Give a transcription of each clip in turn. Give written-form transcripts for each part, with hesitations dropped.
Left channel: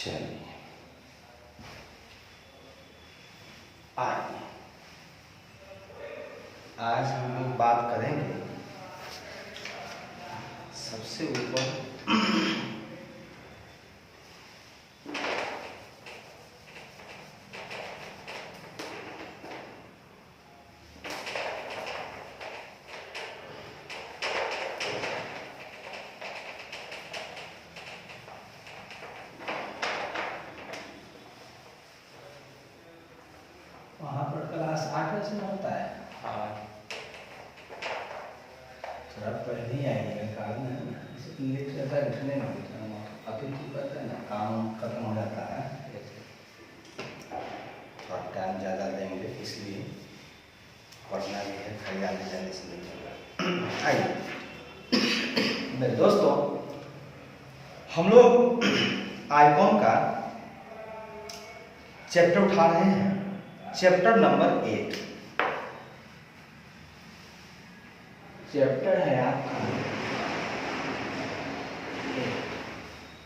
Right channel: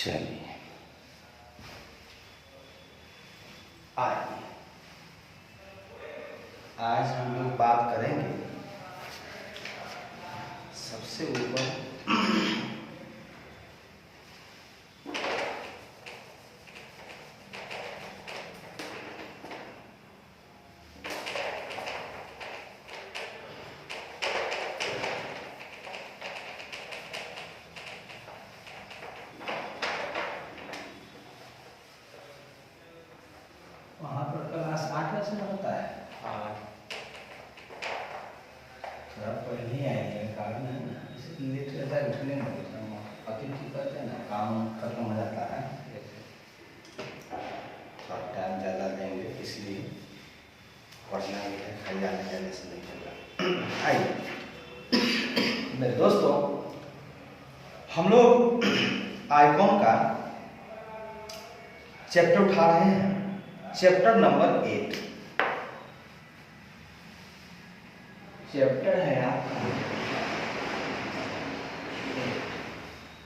चलिए आइए आज हम लोग बात करेंगे सबसे ऊपर वहाँ पर क्लास 8 बजे में होता है। थोड़ा पहले ही आएंगे कारण है ना, इसे लेट रहता है उठने में अतिथि करता है ना, काम खत्म हो जाता है और टाइम ज़्यादा देंगे, इसलिए पढ़ना भी है, खाली आने जाने से नहीं चल रहा। आइए मेरे दोस्तों, हम लोग आइकॉन का चैप्टर उठा रहे हैं, चैप्टर नंबर 8। चैप्टर है आपका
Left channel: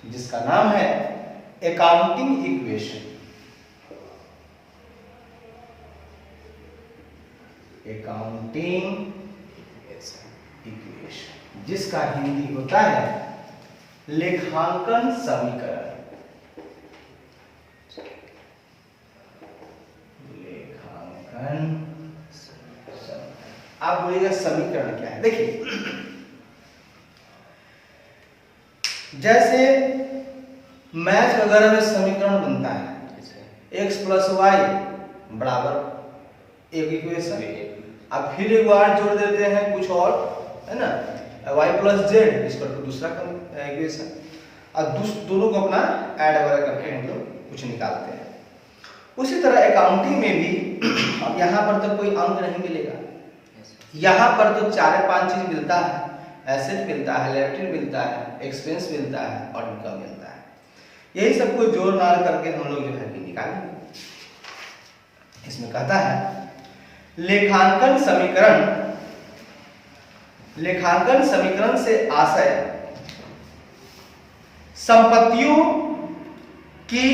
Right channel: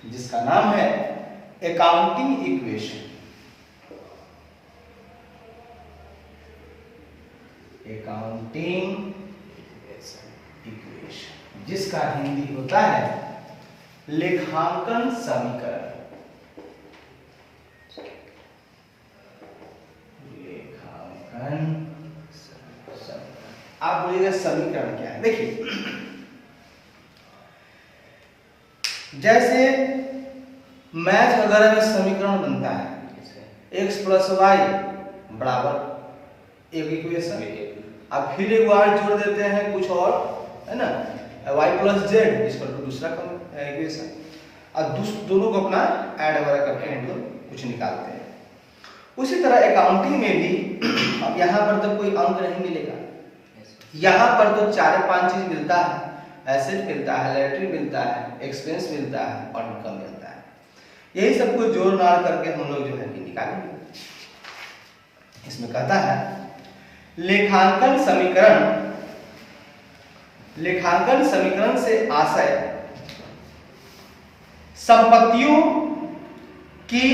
जिसका नाम है अकाउंटिंग इक्वेशन। अकाउंटिंग इक्वेशन जिसका हिंदी होता है लेखांकन समीकरण। आप बोलिएगा समीकरण क्या है? देखिए, जैसे मैथ वगैरह में समीकरण बनता है x प्लस वाई बराबर एक इक्वेशन, अब फिर एक बार जोड़ देते हैं कुछ और, है ना, y प्लस जेड इसका तो दूसरा इक्वेशन, और दोनों को अपना ऐड वगैरह करके हम लोग कुछ निकालते हैं। उसी तरह अकाउंटिंग में भी अब यहाँ पर तो कोई अंक नहीं मिलेगा, यहाँ पर तो 4-5 चीज मिलता है, एसेट मिलता है, लायबिलिटी मिलता है, एक्सपेंस मिलता है और इनकम मिलता है। यही सब कुछ जोड़ नाड़ करके हम लोग जो है कि निकालेंगे। इसमें कहता है लेखांकन समीकरण, लेखांकन समीकरण से आशय संपत्तियों की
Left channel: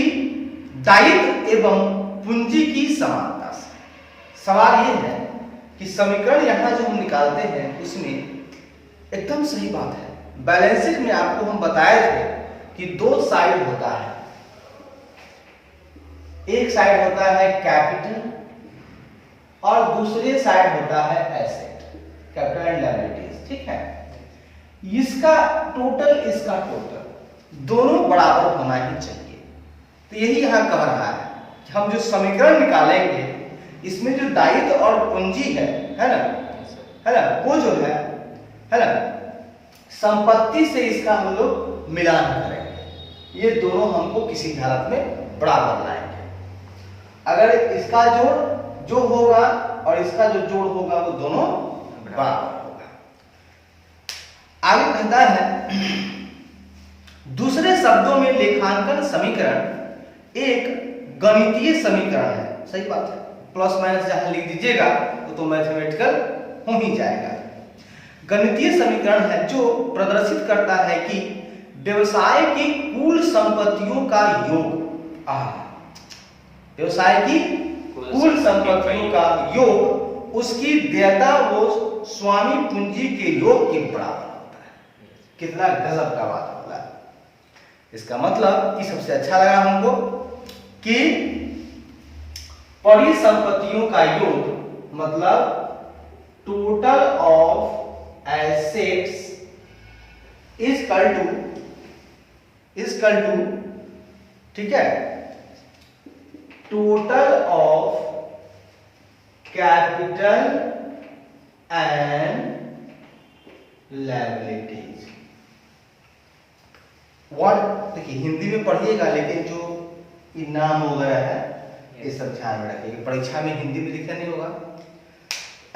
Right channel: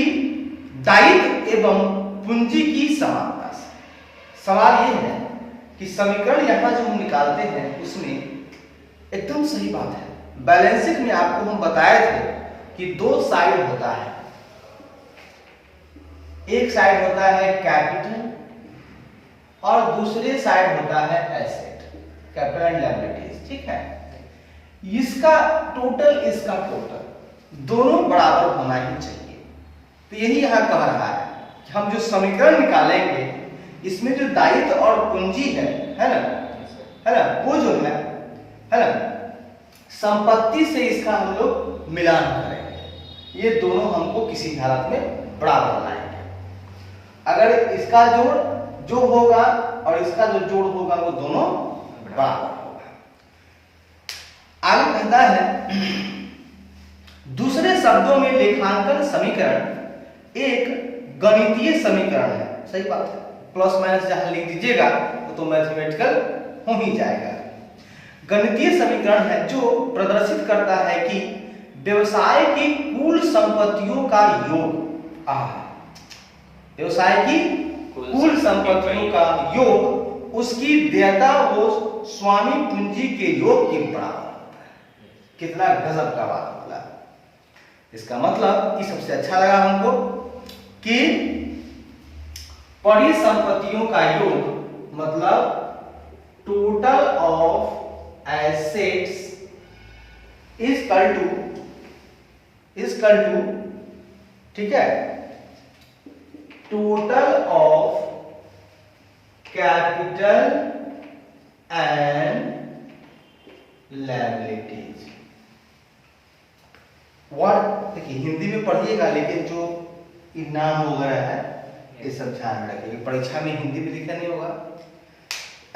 दायित्व एवं पूंजी की समानता से। सवाल ये है कि समीकरण यहां जो हम निकालते हैं उसमें एकदम सही बात है। बैलेंस शीट में आपको हम बताए थे कि दो साइड होता है, एक साइड होता है कैपिटल और दूसरे साइड होता है एसेट, कैपिटल एंड लायबिलिटीज, ठीक है। इसका टोटल, इसका टोटल दोनों बराबर होना ही चाहिए। तो यही यहां कह रहा है कि हम जो समीकरण निकालेंगे इसमें जो दायित्व और पूंजी है ना, वो जो है ना, संपत्ति से इसका हम लोग मिलान करेंगे। ये दोनों हमको किसी हालत में बराबर लाएंगे। अगर इसका जोड़ होगा और इसका जो जोड़ होगा वो दोनों बराबर होगा। आगे कहता है दूसरे शब्दों में लेखांकन समीकरण एक गणितीय समीकरण है। सही बात है, प्लस माइनस जहां लिख दीजिएगा तो मैथमेटिकल हो ही जाएगा। गणितीय समीकरण है जो प्रदर्शित करता है कि व्यवसाय की कुल संपत्तियों का योग, व्यवसाय की कुल संपत्तियों का योग उसकी देयता वो स्वामी पूंजी के योग के बराबर होता है। कितना गजब का बात बोला। इसका मतलब कि सबसे अच्छा लगा हमको कि परिसंपत्तियों का योग मतलब total of assets equal to, ठीक है, total of capital and liabilities. Word देखिए हिंदी में पढ़िएगा, लेकिन जो नाम वगैरह है ये सब ध्यान में रखिएगा। परीक्षा में हिंदी भी लिखा नहीं होगा।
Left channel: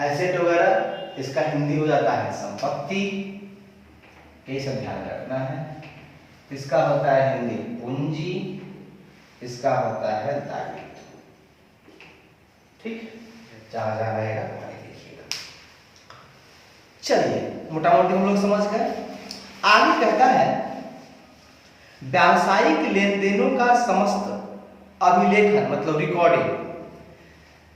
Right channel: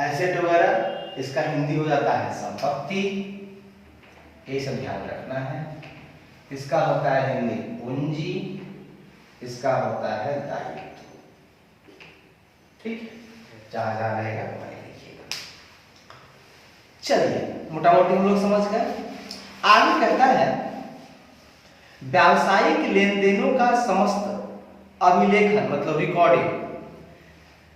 एसेट वगैरह इसका हिंदी हो जाता है संपत्ति, ये सब ध्यान में रखना है। इसका होता है हिंदी पूंजी, इसका होता है दायित्व, ठीक, जहां जहां रहेगा वहां लिखिएगा। चलिए मोटा मोटी हम लोग समझ गए। आगे कहता है व्यावसायिक लेन देनों का समस्त अभिलेखन मतलब रिकॉर्डिंग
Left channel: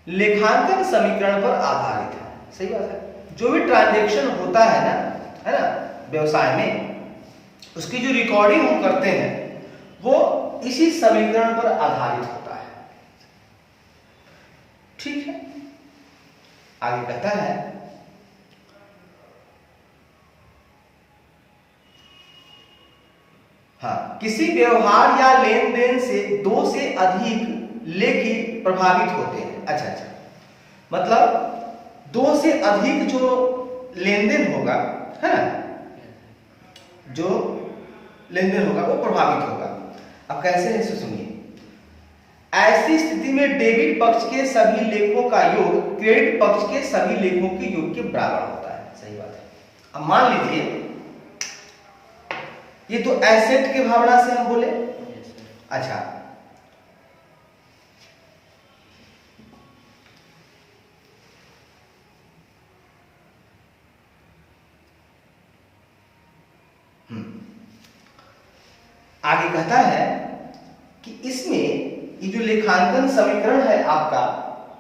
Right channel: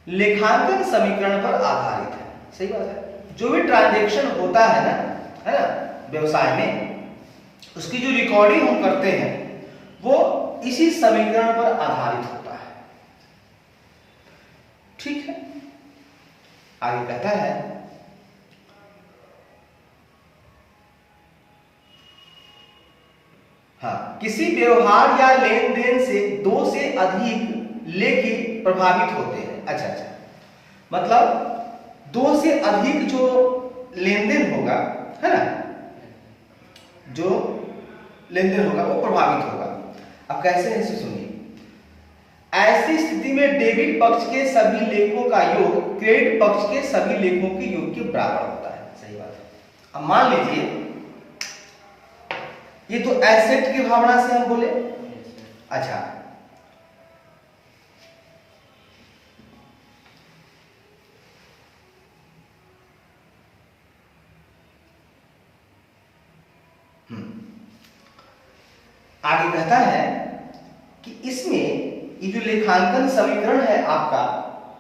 लेखांकन समीकरण पर आधारित है। सही बात है। जो भी ट्रांजैक्शन होता है ना व्यवसाय में, उसकी जो रिकॉर्डिंग हम करते हैं वो इसी समीकरण पर आधारित होता है। ठीक है। आगे कहता है हाँ, किसी व्यवहार या लेन देन से दो से अधिक लेखी प्रभावित होते हैं। अच्छा, मतलब दो से अधिक जो लेन देन होगा, है ना, जो लेन देन होगा वो प्रभावित होगा। अब कैसे ऐसे सुनिए, ऐसी स्थिति में डेबिट पक्ष के सभी लेखों का योग क्रेडिट पक्ष के सभी लेखों के योग के बराबर होता है। सही बात है। अब मान लीजिए ये तो एसेट की भावना से हम बोले। अच्छा, आगे कहता है कि इसमें ये जो लेखांकन समीकरण है आपका,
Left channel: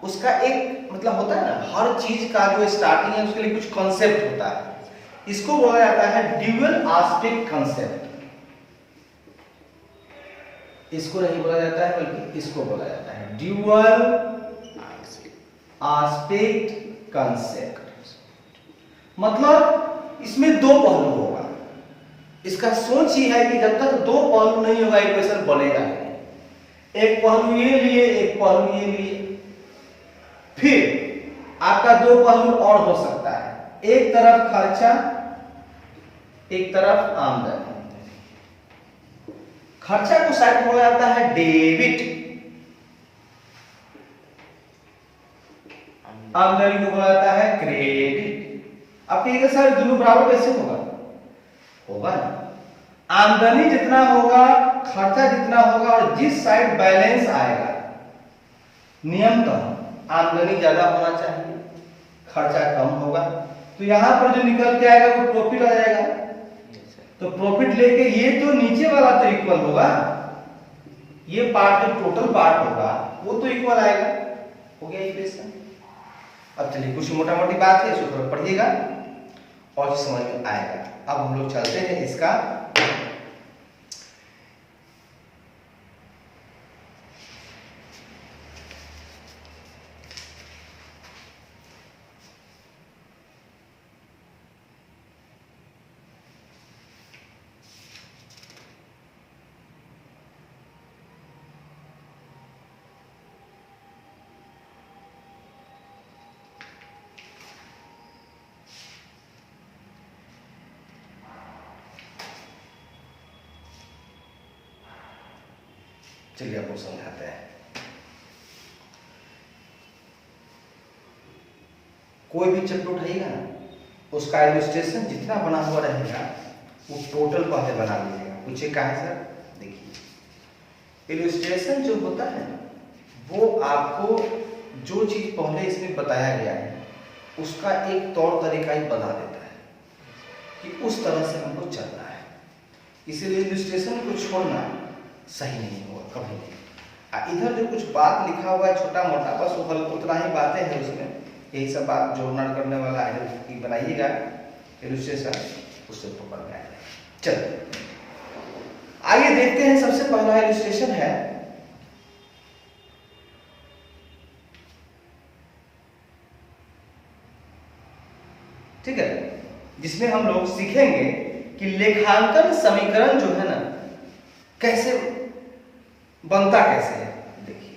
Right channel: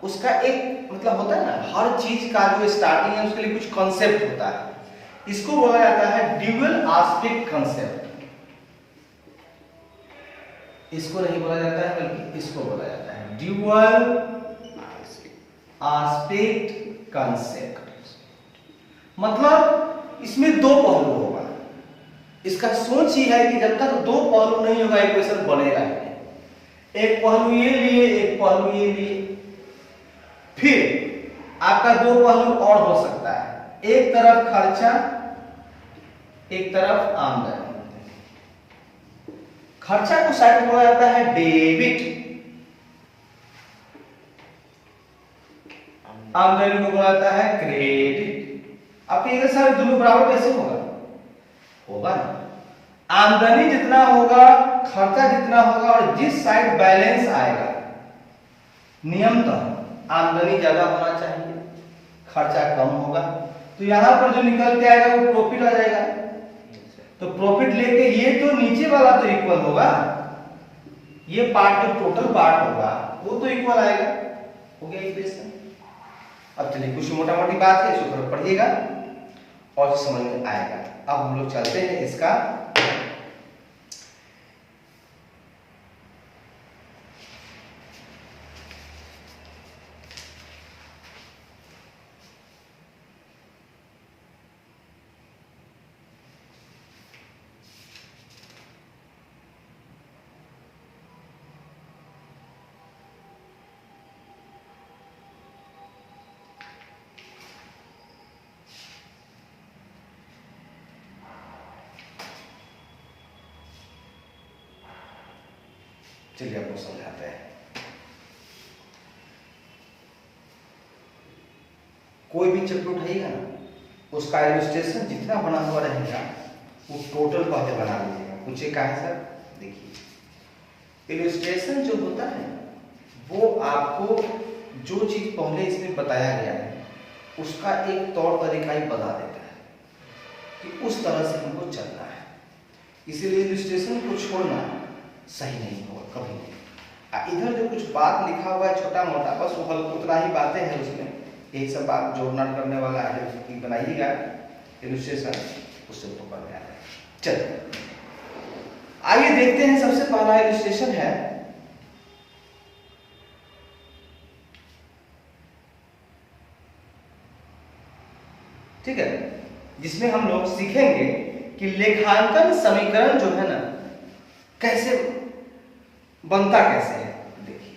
उसका एक मतलब होता है ना, हर चीज का जो स्टार्टिंग है उसके लिए कुछ कॉन्सेप्ट होता है। इसको बोला जाता है ड्यूअल एस्पेक्ट कॉन्सेप्ट। इसको नहीं बोला जाता है बल्कि इसको बोला जाता है ड्यूअल एस्पेक्ट कॉन्सेप्ट। मतलब इसमें दो पहलू होगा। इसका सोच ही है कि जब तक दो पहलू नहीं होगा इक्वेशन बनेगा नहीं। एक पहलू ये लिए, एक पहलू ये लिए, फिर आपका दो पहलू और हो सकता है, एक तरफ खर्चा एक तरफ आमदनी। खर्चा को साइड में बोला जाता है डेबिट, आमदनी को बोला जाता है क्रेडिट। अब ये सारे दोनों बराबर कैसे होगा ना, आमदनी जितना होगा खर्चा जितना होगा, और जिस साइड बैलेंस आएगा नियमतः आमदनी ज्यादा होना चाहिए, खर्चा कम होगा, तो यहां पर जो निकल के आएगा वो प्रॉफिट आ जाएगा। तो प्रॉफिट लेके ये तो नीचे वाला तो इक्वल होगा, ये पार्ट जो टोटल पार्ट होगा वो तो इक्वल आएगा। हो गया इक्वेशन। अब चलिए कुछ मोटा मोटी बात है, इसको थोड़ा पढ़िएगा और समझ में आएगा। अब हम लोग चलते हैं इसका चलिए आपको समझाते हैं। कोई भी चैप्टर उठाइएगा ना, उसका इलस्ट्रेशन जितना बना हुआ रहेगा वो टोटल पहले बना लीजिएगा। पूछिए कहा है सर, देखिए इलस्ट्रेशन जो होता है वो आपको जो चीज पहले इसमें बताया गया है उसका एक तौर तरीका ही बता देता है कि उस तरह से हमको चलना है। इसीलिए इलस्ट्रेशन को छोड़ना सही नहीं होगा कभी नहीं। इधर जो कुछ बात लिखा हुआ है छोटा मोटा, बस वो उतना ही बातें हैं उसमें, यही सब बात जोड़ना करने वाला है, बनाइएगा इलस्ट्रेशन, उससे पकड़ में आ जाएगा। चलिए आइए देखते हैं। सबसे पहला इलस्ट्रेशन है ठीक है, जिसमें हम लोग सीखेंगे कि लेखांकन समीकरण जो है ना कैसे बनता कैसे है। देखिए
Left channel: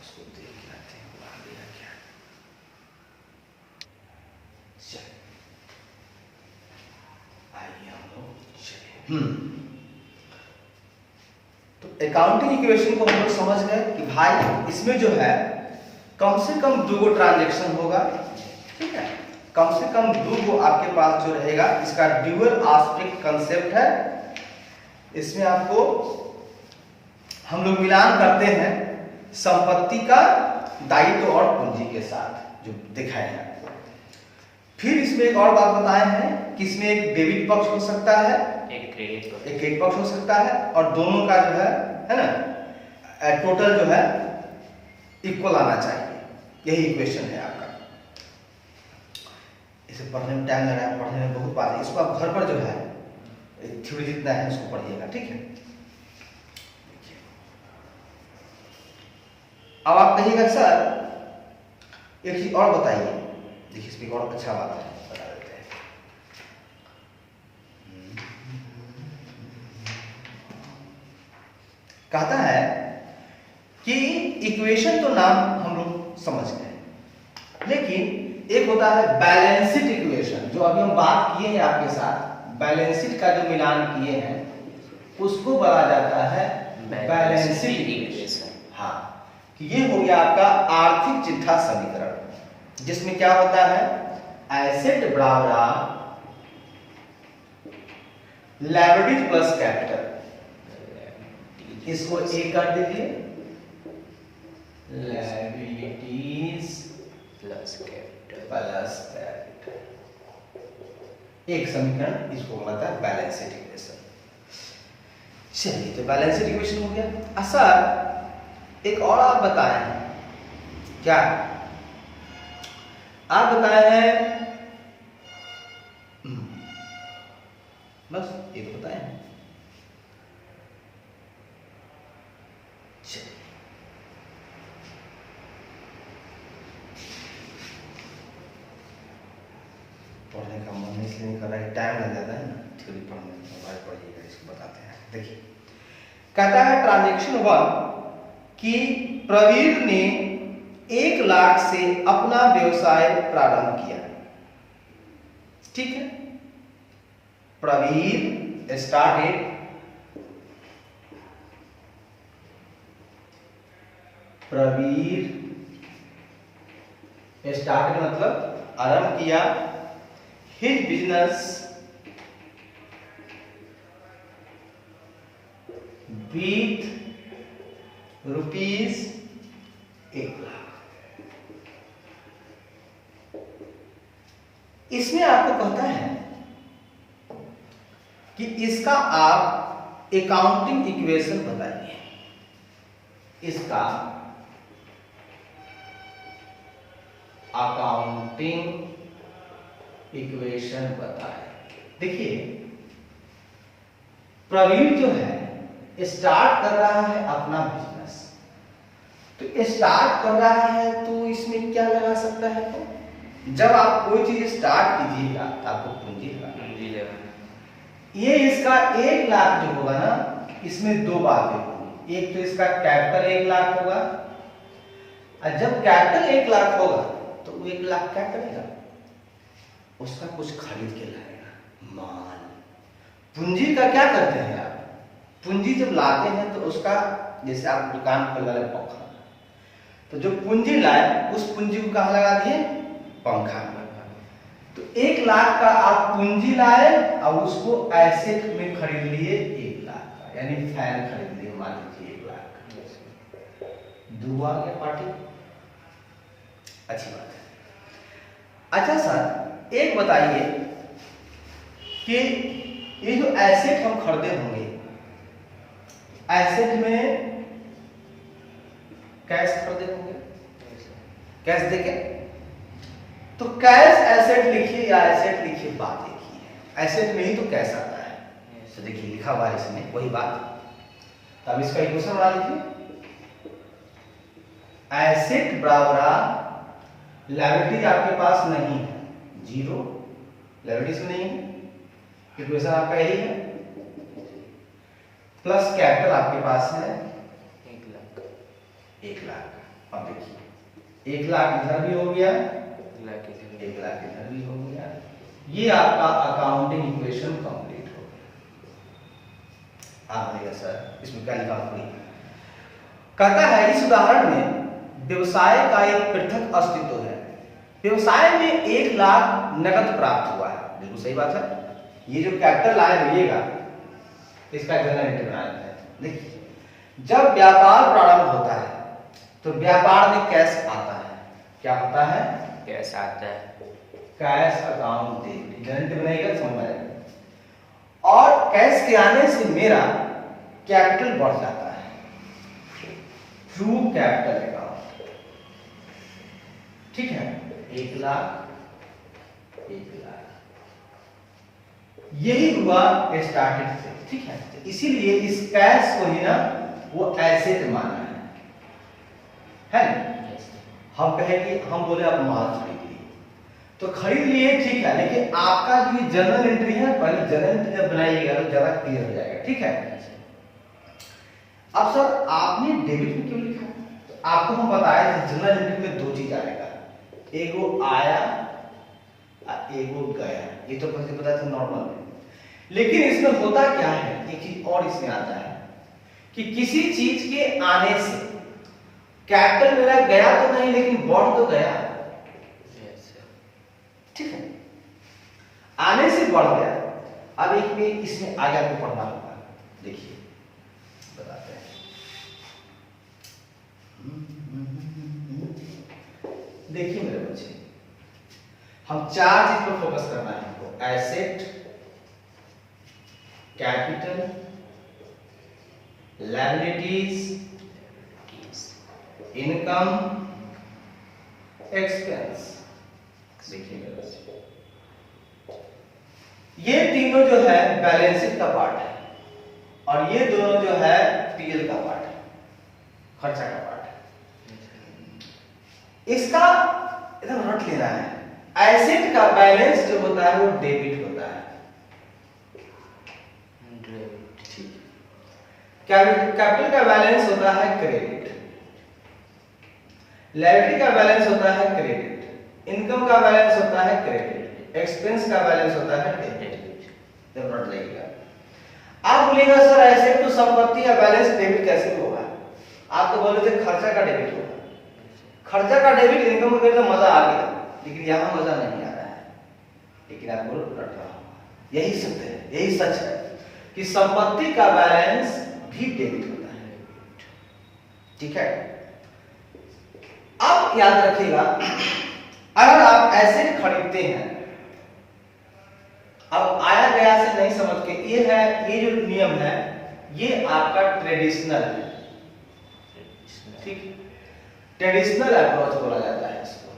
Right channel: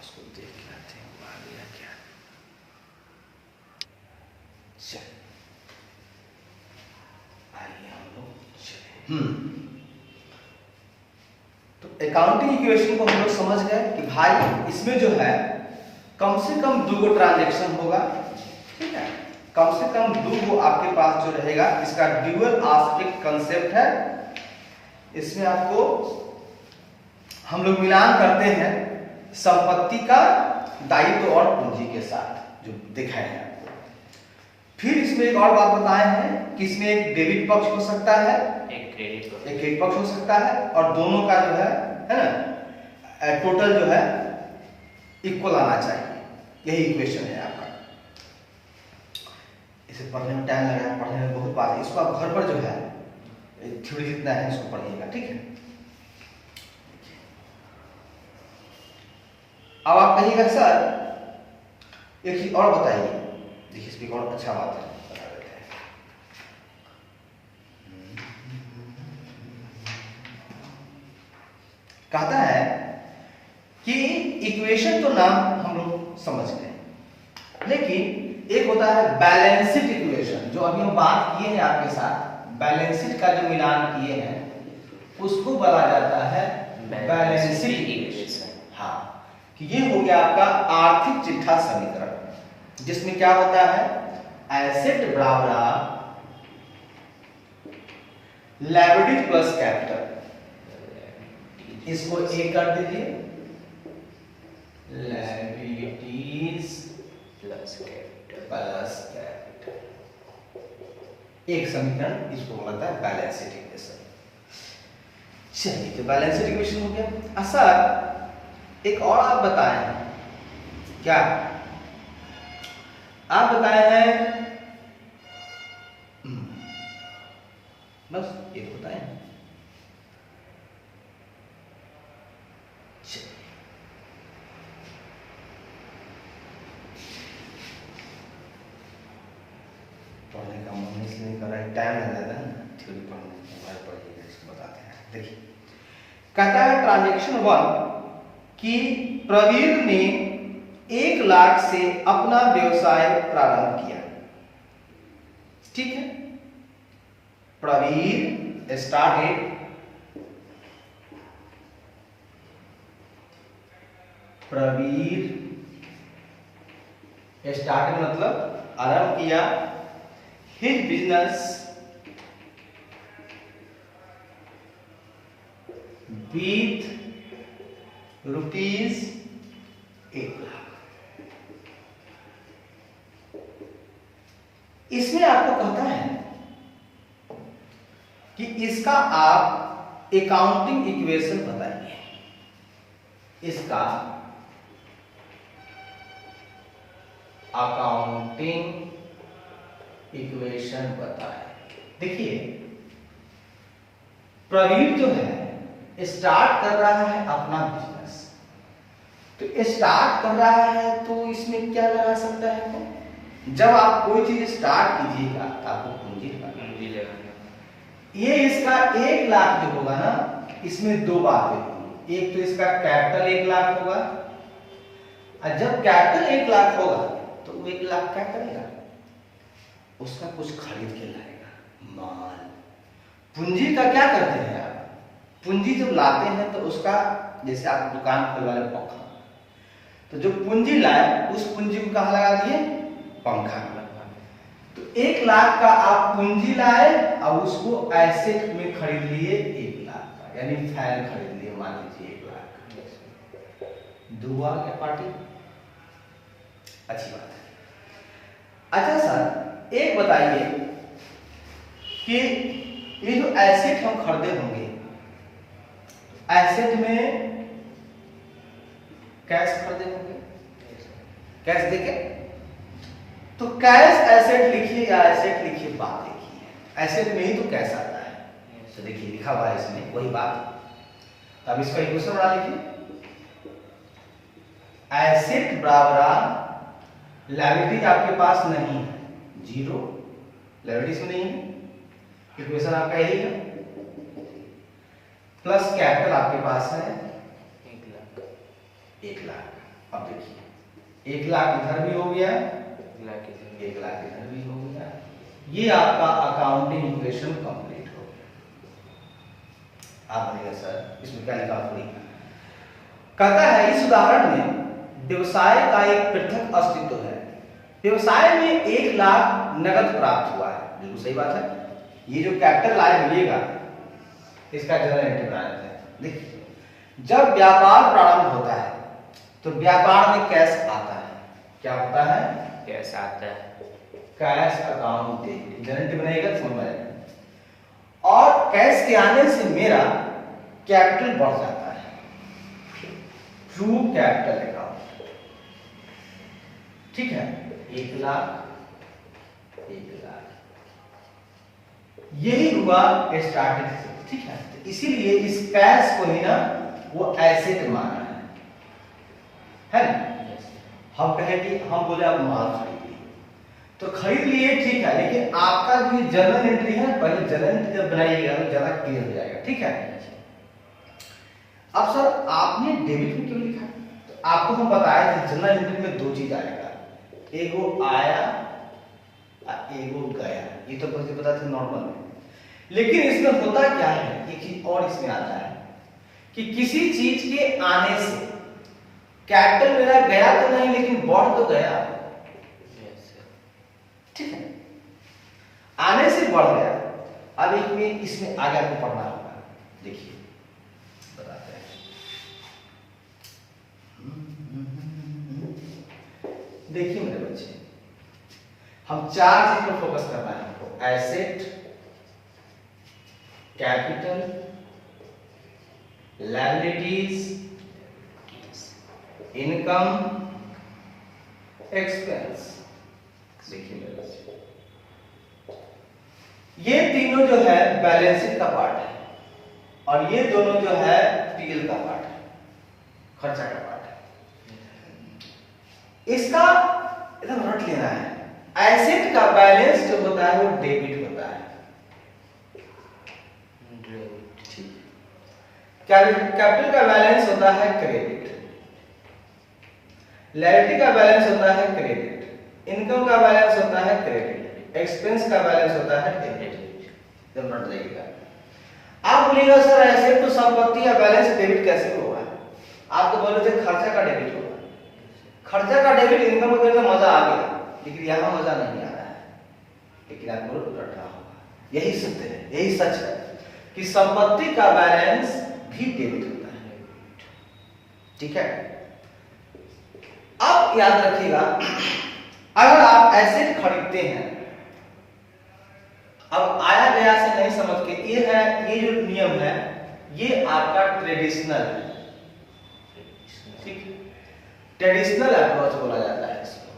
उसको देख के आते हैं वो आ गया क्या। तो अकाउंटिंग इक्वेशन को हम लोग समझ गए कि भाई इसमें जो है कम से कम 2 ट्रांजैक्शन होगा। ठीक है, कम से कम दो वो आपके पास जो रहेगा, इसका ड्यूअल आस्पेक्ट कंसेप्ट है। इसमें आपको हम लोग मिलान करते हैं संपत्ति का दायित्व और पूंजी के साथ, जो दिखाए हैं आपको। फिर इसमें एक और बात बताए हैं कि इसमें एक डेबिट पक्ष हो सकता है, एक क्रेडिट पक्ष हो सकता है, और दोनों का जो है ना, टोटल जो है इक्वल आना चाहिए। यही इक्वेशन है आपका। इसे पढ़ने में टाइम लगेगा, पढ़ने में बहुत बात है। इसको आप घर पर जो है थ्योरी जितना है इसको पढ़िएगा, ठीक है। अब आप कहिएगा सर एक चीज और बताइए। देखिए इसमें और अच्छा बात है, बता देते हैं। कहता है कि इक्वेशन तो नाम हम लोग समझ गए, लेकिन एक होता है बैलेंस्ड इक्वेशन, जो अभी हम बात किए हैं आपके साथ। बैलेंस्ड का जो मिलान किए हैं उसको बोला जाता है बैलेंस्ड इक्वेशन। हाँ, कि ये हो गया आपका आर्थिक चिट्ठा समीकरण, जिसमें क्या होता है एसेट बराबर लायबिलिटी प्लस कैपिटल। इसको ए कर दीजिए, लायबिलिटीज प्लस कैपिटल, एक समीकरण, इसको बोलता है बैलेंस्ड इक्वेशन। चलिए, तो बैलेंस्ड इक्वेशन हो गया। सर एक और आप बताए हैं, क्या आप बताए हैं? बस एक बताए हैं। पढ़ने का मन इसलिए नहीं कर रहा है, टाइम लग जाता है ना थ्योरी पढ़ने में। मोबाइल पढ़िएगा, इसको बताते हैं। देखिए कहता है ट्रांजैक्शन 1 कि प्रवीर ने 1 लाख से अपना व्यवसाय प्रारंभ किया। ठीक है, प्रवीर स्टार्टेड मतलब आरंभ किया his business with rupees 1 lakh. इसमें आपको कहता है कि इसका आप अकाउंटिंग इक्वेशन बताइए। इसका अकाउंटिंग इक्वेशन बताए। देखिए प्रवीण जो है स्टार्ट कर रहा है अपना बिजनेस, तो स्टार्ट कर रहा है तो इसमें क्या लगा सकता है? तो जब आप कोई चीज स्टार्ट कीजिएगा तो आपको पूंजी लगाना। ये इसका 1 लाख जो होगा ना, इसमें दो बातें होंगी। एक तो इसका कैपिटल 1 लाख होगा, और जब कैपिटल 1 लाख होगा तो वो 1 लाख क्या करेगा? उसका कुछ खरीद के लाएगा, माल। पूंजी का क्या करते हैं आप? पूंजी जब लाते हैं तो उसका, जैसे आप दुकान खोलवा ले पंखा, तो जो पूंजी लाए उस पूंजी को कहाँ लगा दिए? पंखा। तो 1 लाख का आप पूंजी लाए और उसको एसेट में खरीद लिए 1 लाख का, यानी फैन खरीद लिए, मान लीजिए 1 लाख। दुआ के पार्टी अच्छी बात है। अच्छा सर एक बताइए कि ये जो एसेट हम खरीदे होंगे, एसेट में कैश खरीदे होंगे, कैश देके, तो कैश एसेट लिखिए या एसेट लिखिए, बात एक ही है। एसेट में ही तो कैश आता है। तो देखिए लिखा हुआ है इसमें वही बात। अब इसका इक्वेशन बना लीजिए। एसेट बराबर लायबिलिटी आपके पास नहीं है, 0, लायबिलिटी से नहीं है, इक्वेशन आपका यही है, प्लस कैपिटल आपके पास है 1 लाख। 1 लाख। अब देखिए 1 लाख इधर भी हो गया, 1 लाख इधर भी हो गया। ये आपका अकाउंटिंग इक्वेशन कंप्लीट हो गया। आप बोलिए सर इसमें क्या लिखा हुआ? कहता है इस उदाहरण में व्यवसाय का एक पृथक अस्तित्व है। व्यवसाय में 1 लाख नगद प्राप्त हुआ है, बिल्कुल सही बात है। ये जो कैपिटल लाए मिलेगा इसका जनरल एंट्री बनाना है। देखिए, जब व्यापार प्रारंभ होता है तो व्यापार में कैश आता है। क्या होता है? कैश आता है, cash account debit, general entry बनेगा, समझ में आएगा। और कैश के आने से मेरा कैपिटल बढ़ जाता है, ट्रू कैपिटल अकाउंट, ठीक है। 1 लाख, 1 लाख, यही हुआ स्टार्टिंग से, ठीक है। तो इसीलिए इस कैश को ही ना वो एसेट माना है ना। हम कहें कि हम बोले आप माल खरीद लिए तो खरीद लिए, ठीक है, लेकिन आपका जो जर्नल एंट्री है, पहले जर्नल एंट्री जब बनाइएगा तो ज्यादा क्लियर हो जाएगा, ठीक है। अब सर आपने डेबिट में क्यों लिखा? तो आपको हम बताया कि जर्नल एंट्री में 2 चीज आएगा, एगो आया और एगो गया। ये तो पहले पता था नॉर्मल में, लेकिन इसमें होता क्या है, एक चीज और इसमें आता है कि किसी चीज के आने से कैपिटल मेरा गया तो नहीं, लेकिन बढ़ तो गया, ठीक है, आने से बढ़ गया। अब एक में इसमें आगे आपको पढ़ना होगा, देखिए बताते हैं। देखिए मेरे बच्चे, हम 4 चीज पर फोकस करना है हमको, asset, capital, liabilities, income, expense. देखिए मेरे बच्चे, ये तीनों जो है बैलेंस शीट का पार्ट है और ये दोनों जो है पीएल का पार्ट है, खर्चा का पार्ट है। इसका एकदम रट लेना है। एसेट का बैलेंस जो होता है वो डेबिट होता है, कैपिटल का बैलेंस होता है क्रेडिट, लायबिलिटी का बैलेंस होता है क्रेडिट, इनकम का बैलेंस होता है क्रेडिट, एक्सपेंस का बैलेंस होता है डेबिट। जब नोट लगेगा, आप बोलिएगा सर ऐसे तो संपत्ति का बैलेंस डेबिट कैसे होगा? आप तो बोले थे खर्चा का डेबिट होगा। खर्चा का डेबिट इनकम का मजा आ गया, लेकिन यहां मजा नहीं आ रहा है, लेकिन आपको रट रहा होगा। यही सत्य है, यही सच है कि संपत्ति का बैलेंस भी डेबिट होता है, ठीक है। अब याद रखिएगा, अगर आप एसेट खरीदते हैं, अब आया गया से नहीं समझ के, ये है, ये जो नियम है ये आपका ट्रेडिशनल, ठीक, ट्रेडिशनल अप्रोच बोला जाता है इसको,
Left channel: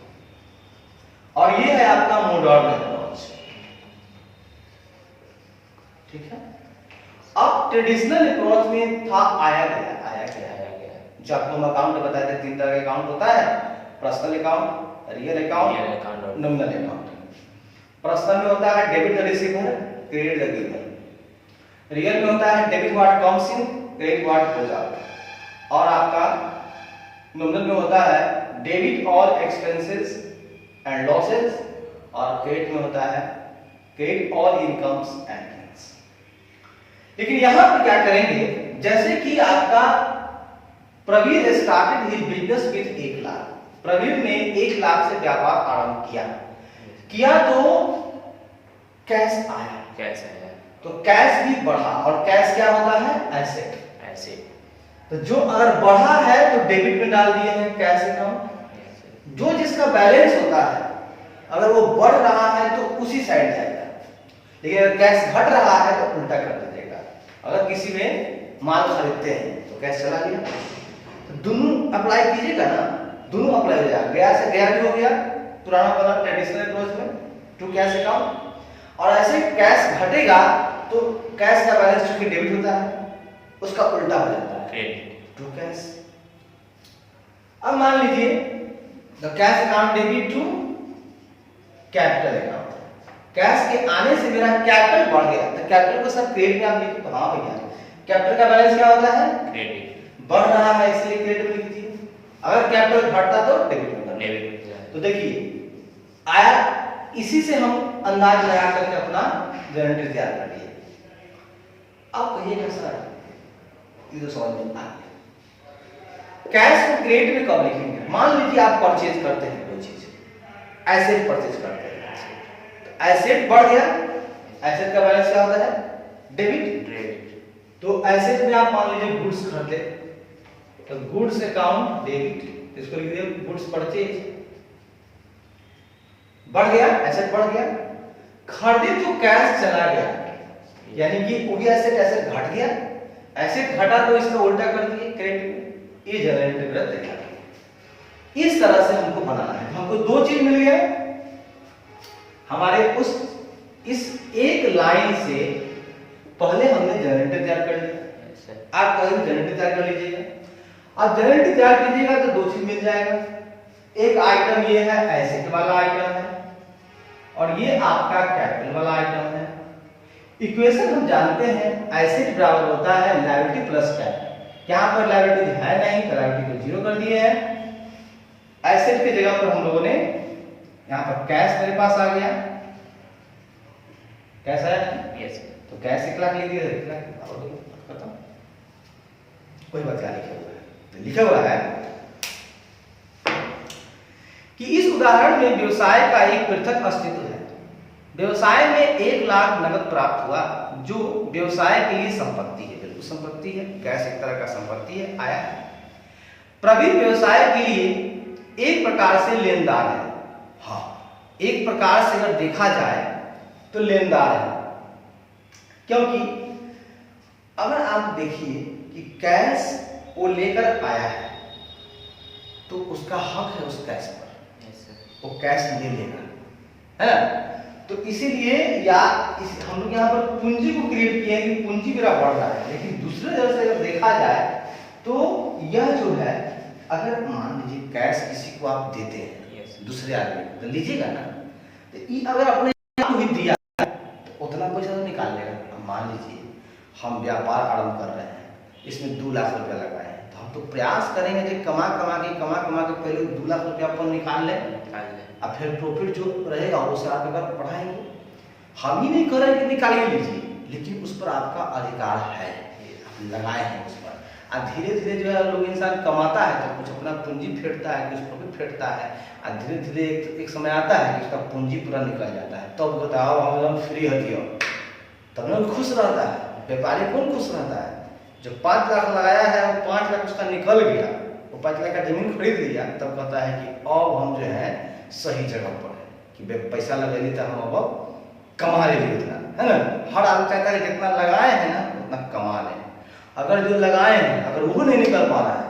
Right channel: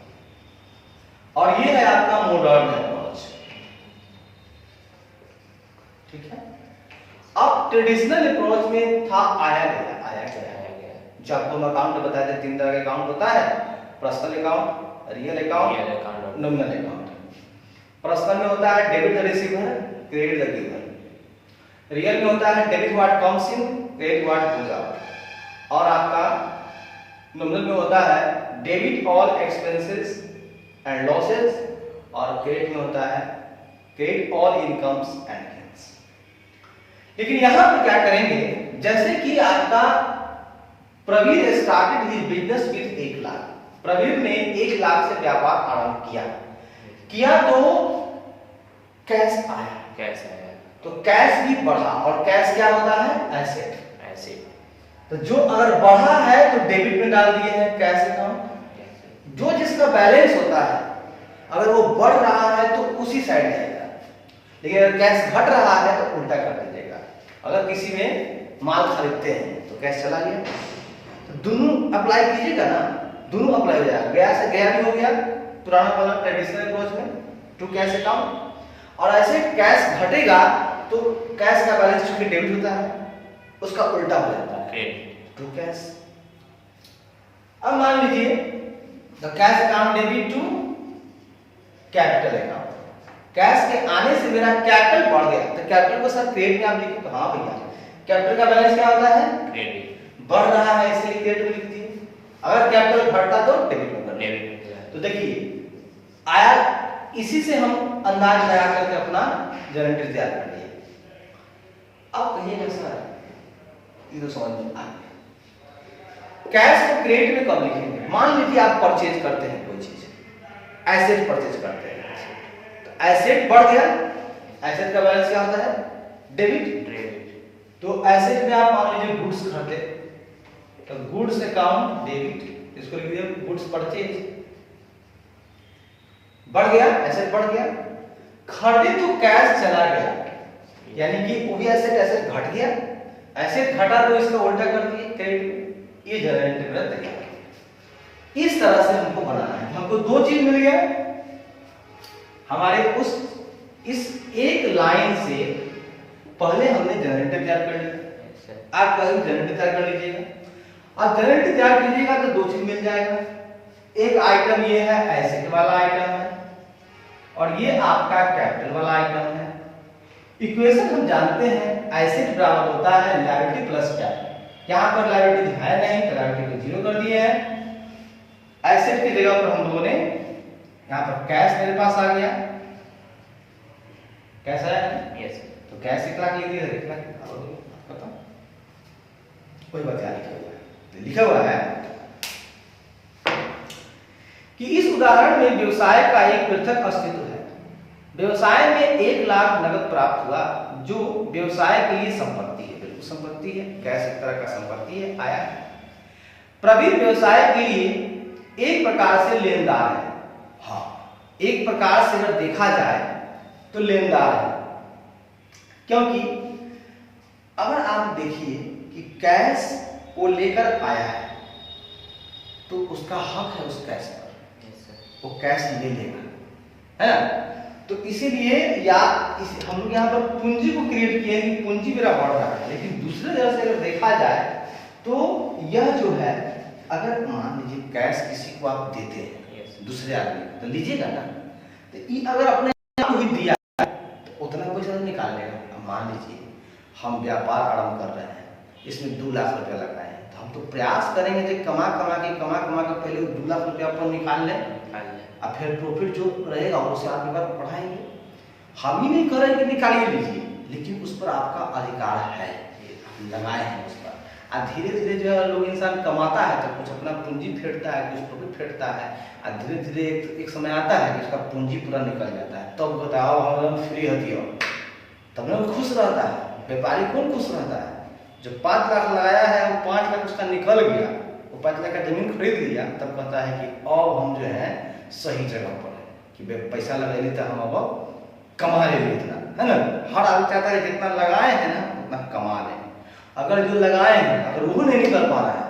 और ये है आपका मॉडर्न अप्रोच, ठीक है। अब ट्रेडिशनल अप्रोच में था आया गया, जब हम अकाउंट बताए थे 3 तरह के अकाउंट होता है, personal account, real account, nominal account. Personal में होता है डेबिट रिसीवर, क्रेडिट या गिवर। रियल में होता है debit what comes in, credit what goes out. और आपका नॉमिनल में होता है debit all expenses and losses, और क्रेडिट में होता है credit all incomes and gains. लेकिन यहां पर क्या करेंगे, जैसे कि आपका Pravir started his business with 1 lakh. Pravir ने 1 लाख से व्यापार आरंभ किया तो कैश आया, तो कैश भी बढ़ा, और कैश क्या होता है? एसेट। तो जो अगर बढ़ा है तो डेबिट में डाल दिए हैं कैश अकाउंट। जो जिसका बैलेंस होता है अगर वो बढ़ रहा है तो उसी साइड जाएगा, लेकिन अगर कैश घट रहा है तो उल्टा कर दीजिएगा। अगर किसी में माल खरीदते हैं तो कैश चला गया, तो दोनों अप्लाई कीजिएगा ना, दोनों अप्लाई हो जाएगा। गया से गया भी हो गया, पुराना वाला ट्रेडिशनल अप्रोच में टू कैश अकाउंट, और ऐसे कैश घटेगा तो कैश का बैलेंस चूंकि डेबिट होता है उसका उल्टा हो जाता है टू कैश। अब मान लीजिए the cash account debit to capital account, cash के आने से मेरा कैपिटल बढ़ गया, तो कैपिटल को सर क्रेडिट में आप लिखिए तो हाँ भैया कैपिटल का बैलेंस क्या होता है? क्रेडिट। बढ़ रहा है इसलिए क्रेडिट लिख दीजिए, अगर कैपिटल घटता तो डेबिट में डेबिट। तो देखिए आया, इसी से हम अंदाज लगा करके अपना जनरेटर तैयार कर लिए। अब कहिएगा सर ये तो समझ में आ गया, कैश को क्रेडिट में कब लिखेंगे? मान लीजिए आप परचेज करते हैं कोई चीज, एसेट परचेज करते हैं, तो एसेट बढ़ गया, एसेट का बैलेंस क्या होता है? डेबिट। तो एसेट में आप मान लीजिए गुड्स खरीदे, तो गुड्स अकाउंट डेबिट, इसको लिख दिया गुड्स परचेज, बढ़ गया, एसेट बढ़ गया। खरीदे तो कैश चला गया, यानी कि वो भी एसेट घट गया, एसेट घटा तो इसका उल्टा कर दिए क्रेडिट में, ये जनरेटिव वृत्त तैयार। इस तरह से हमको बनाना है, हमको दो चीज मिल गया, हमारे उस इस एक लाइन से पहले हमने जनरेटर तैयार कर लिया, आप कहीं जनरेटर तैयार कर लीजिएगा। अब जनरेटर तैयार कीजिएगा तो दो चीज मिल जाएगा, एक आइटम ये है एसेट वाला आइटम है, और ये आपका कैपिटल वाला आइटम है। इक्वेशन हम जानते हैं, एसेट बराबर होता है लायबिलिटी प्लस कैपिटल। यहाँ पर लायबिलिटी है नहीं, तो लायबिलिटी को जीरो कर दिए हैं। एसेट की जगह पर हम लोगों ने यहाँ पर कैश मेरे पास आ गया, कैश आया, यस, तो कैश 1 लाख लिख दिया, 1 लाख बताओ, कोई बात नहीं, लिखा हुआ है कि इस उदाहरण में व्यवसाय का एक पृथक अस्तित्व है। व्यवसाय में 1 लाख नगद प्राप्त हुआ, जो व्यवसाय के लिए संपत्ति है, बिल्कुल संपत्ति है, कैश एक तरह का संपत्ति है, आया है। प्रवीण व्यवसाय के लिए एक प्रकार से लेनदार है, हाँ, एक प्रकार से अगर देखा जाए तो लेनदार है, क्योंकि अगर आप देखिए कि कैश वो लेकर आया है तो उसका हक है उस कैश पर, वो कैश ले लेगा, है ना। तो इसीलिए या हम लोग यहाँ पर पूंजी को क्रिएट किए कि पूंजी मेरा बढ़ रहा है, लेकिन दूसरे तरह से अगर देखा जाए तो यह जो है, अगर मान लीजिए कैश किसी को आप देते हैं दूसरे आदमी को, तो लीजिएगा ना, तो ये अगर अपने आप को ही दिया तो उतना पैसा तो निकाल लेगा। अब मान लीजिए हम व्यापार आरंभ कर रहे हैं, इसमें 2 लाख रुपया लगाए हैं, तो हम तो प्रयास करेंगे कि कमा कमा के पहले 2 लाख रुपया अपन निकाल लें, और फिर प्रॉफिट जो रहेगा वो से आप बार बढ़ाएंगे। हम ही नहीं करेंगे कि निकालिए लीजिए, लेकिन उस पर आपका अधिकार है, लगाए हैं उस पर। और धीरे धीरे जो है लोग इंसान कमाता है तो कुछ अपना पूंजी फेंटता है, कुछ प्रॉफिट फेंटता है, और धीरे धीरे एक समय आता है कि उसका पूंजी पूरा निकल जाता है, तब बताओ हम एकदम फ्री होती हो, तब ना खुश रहता है। व्यापारी कौन खुश रहता है? जो 5 लाख लगाया है वो 5 लाख उसका निकल गया, वो 5 लाख का जमीन खरीद लिया, तब कहता है कि अब हम जो है सही जगह पर है, कि पैसा लगा ली तो हम अब कमा ले इतना, है ना। हर आदमी चाहता है जितना लगाए हैं ना उतना कमा लें। अगर जो लगाए हैं अगर वो नहीं निकल पा रहा है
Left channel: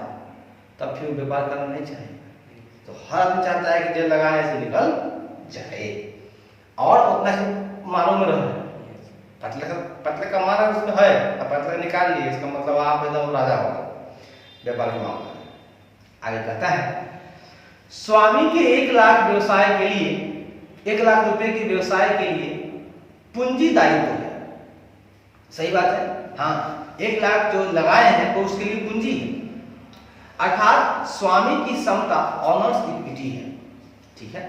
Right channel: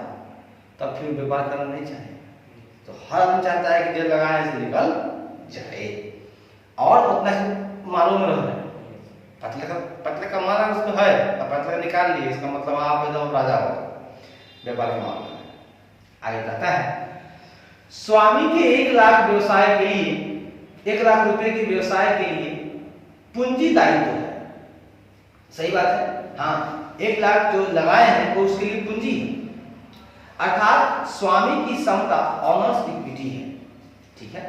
तब फिर व्यापार करना नहीं चाहिए। तो हर आदमी चाहता है कि जो लगाए से निकल जाए और उतना ही मालूम में रहे। पतले का माना उसमें है, अब पतले निकाल लिए, इसका मतलब आप एकदम राजा हो व्यापार के मामले में। आगे कहता है, स्वामी के 1 लाख व्यवसाय के लिए, 1 लाख रुपए के व्यवसाय के लिए पूंजी दायित्व है। सही बात है, हाँ, 1 लाख जो लगाए हैं वो उसके लिए पूंजी है, अर्थात स्वामी की क्षमता, ऑनर्स इक्विटी है, ठीक है।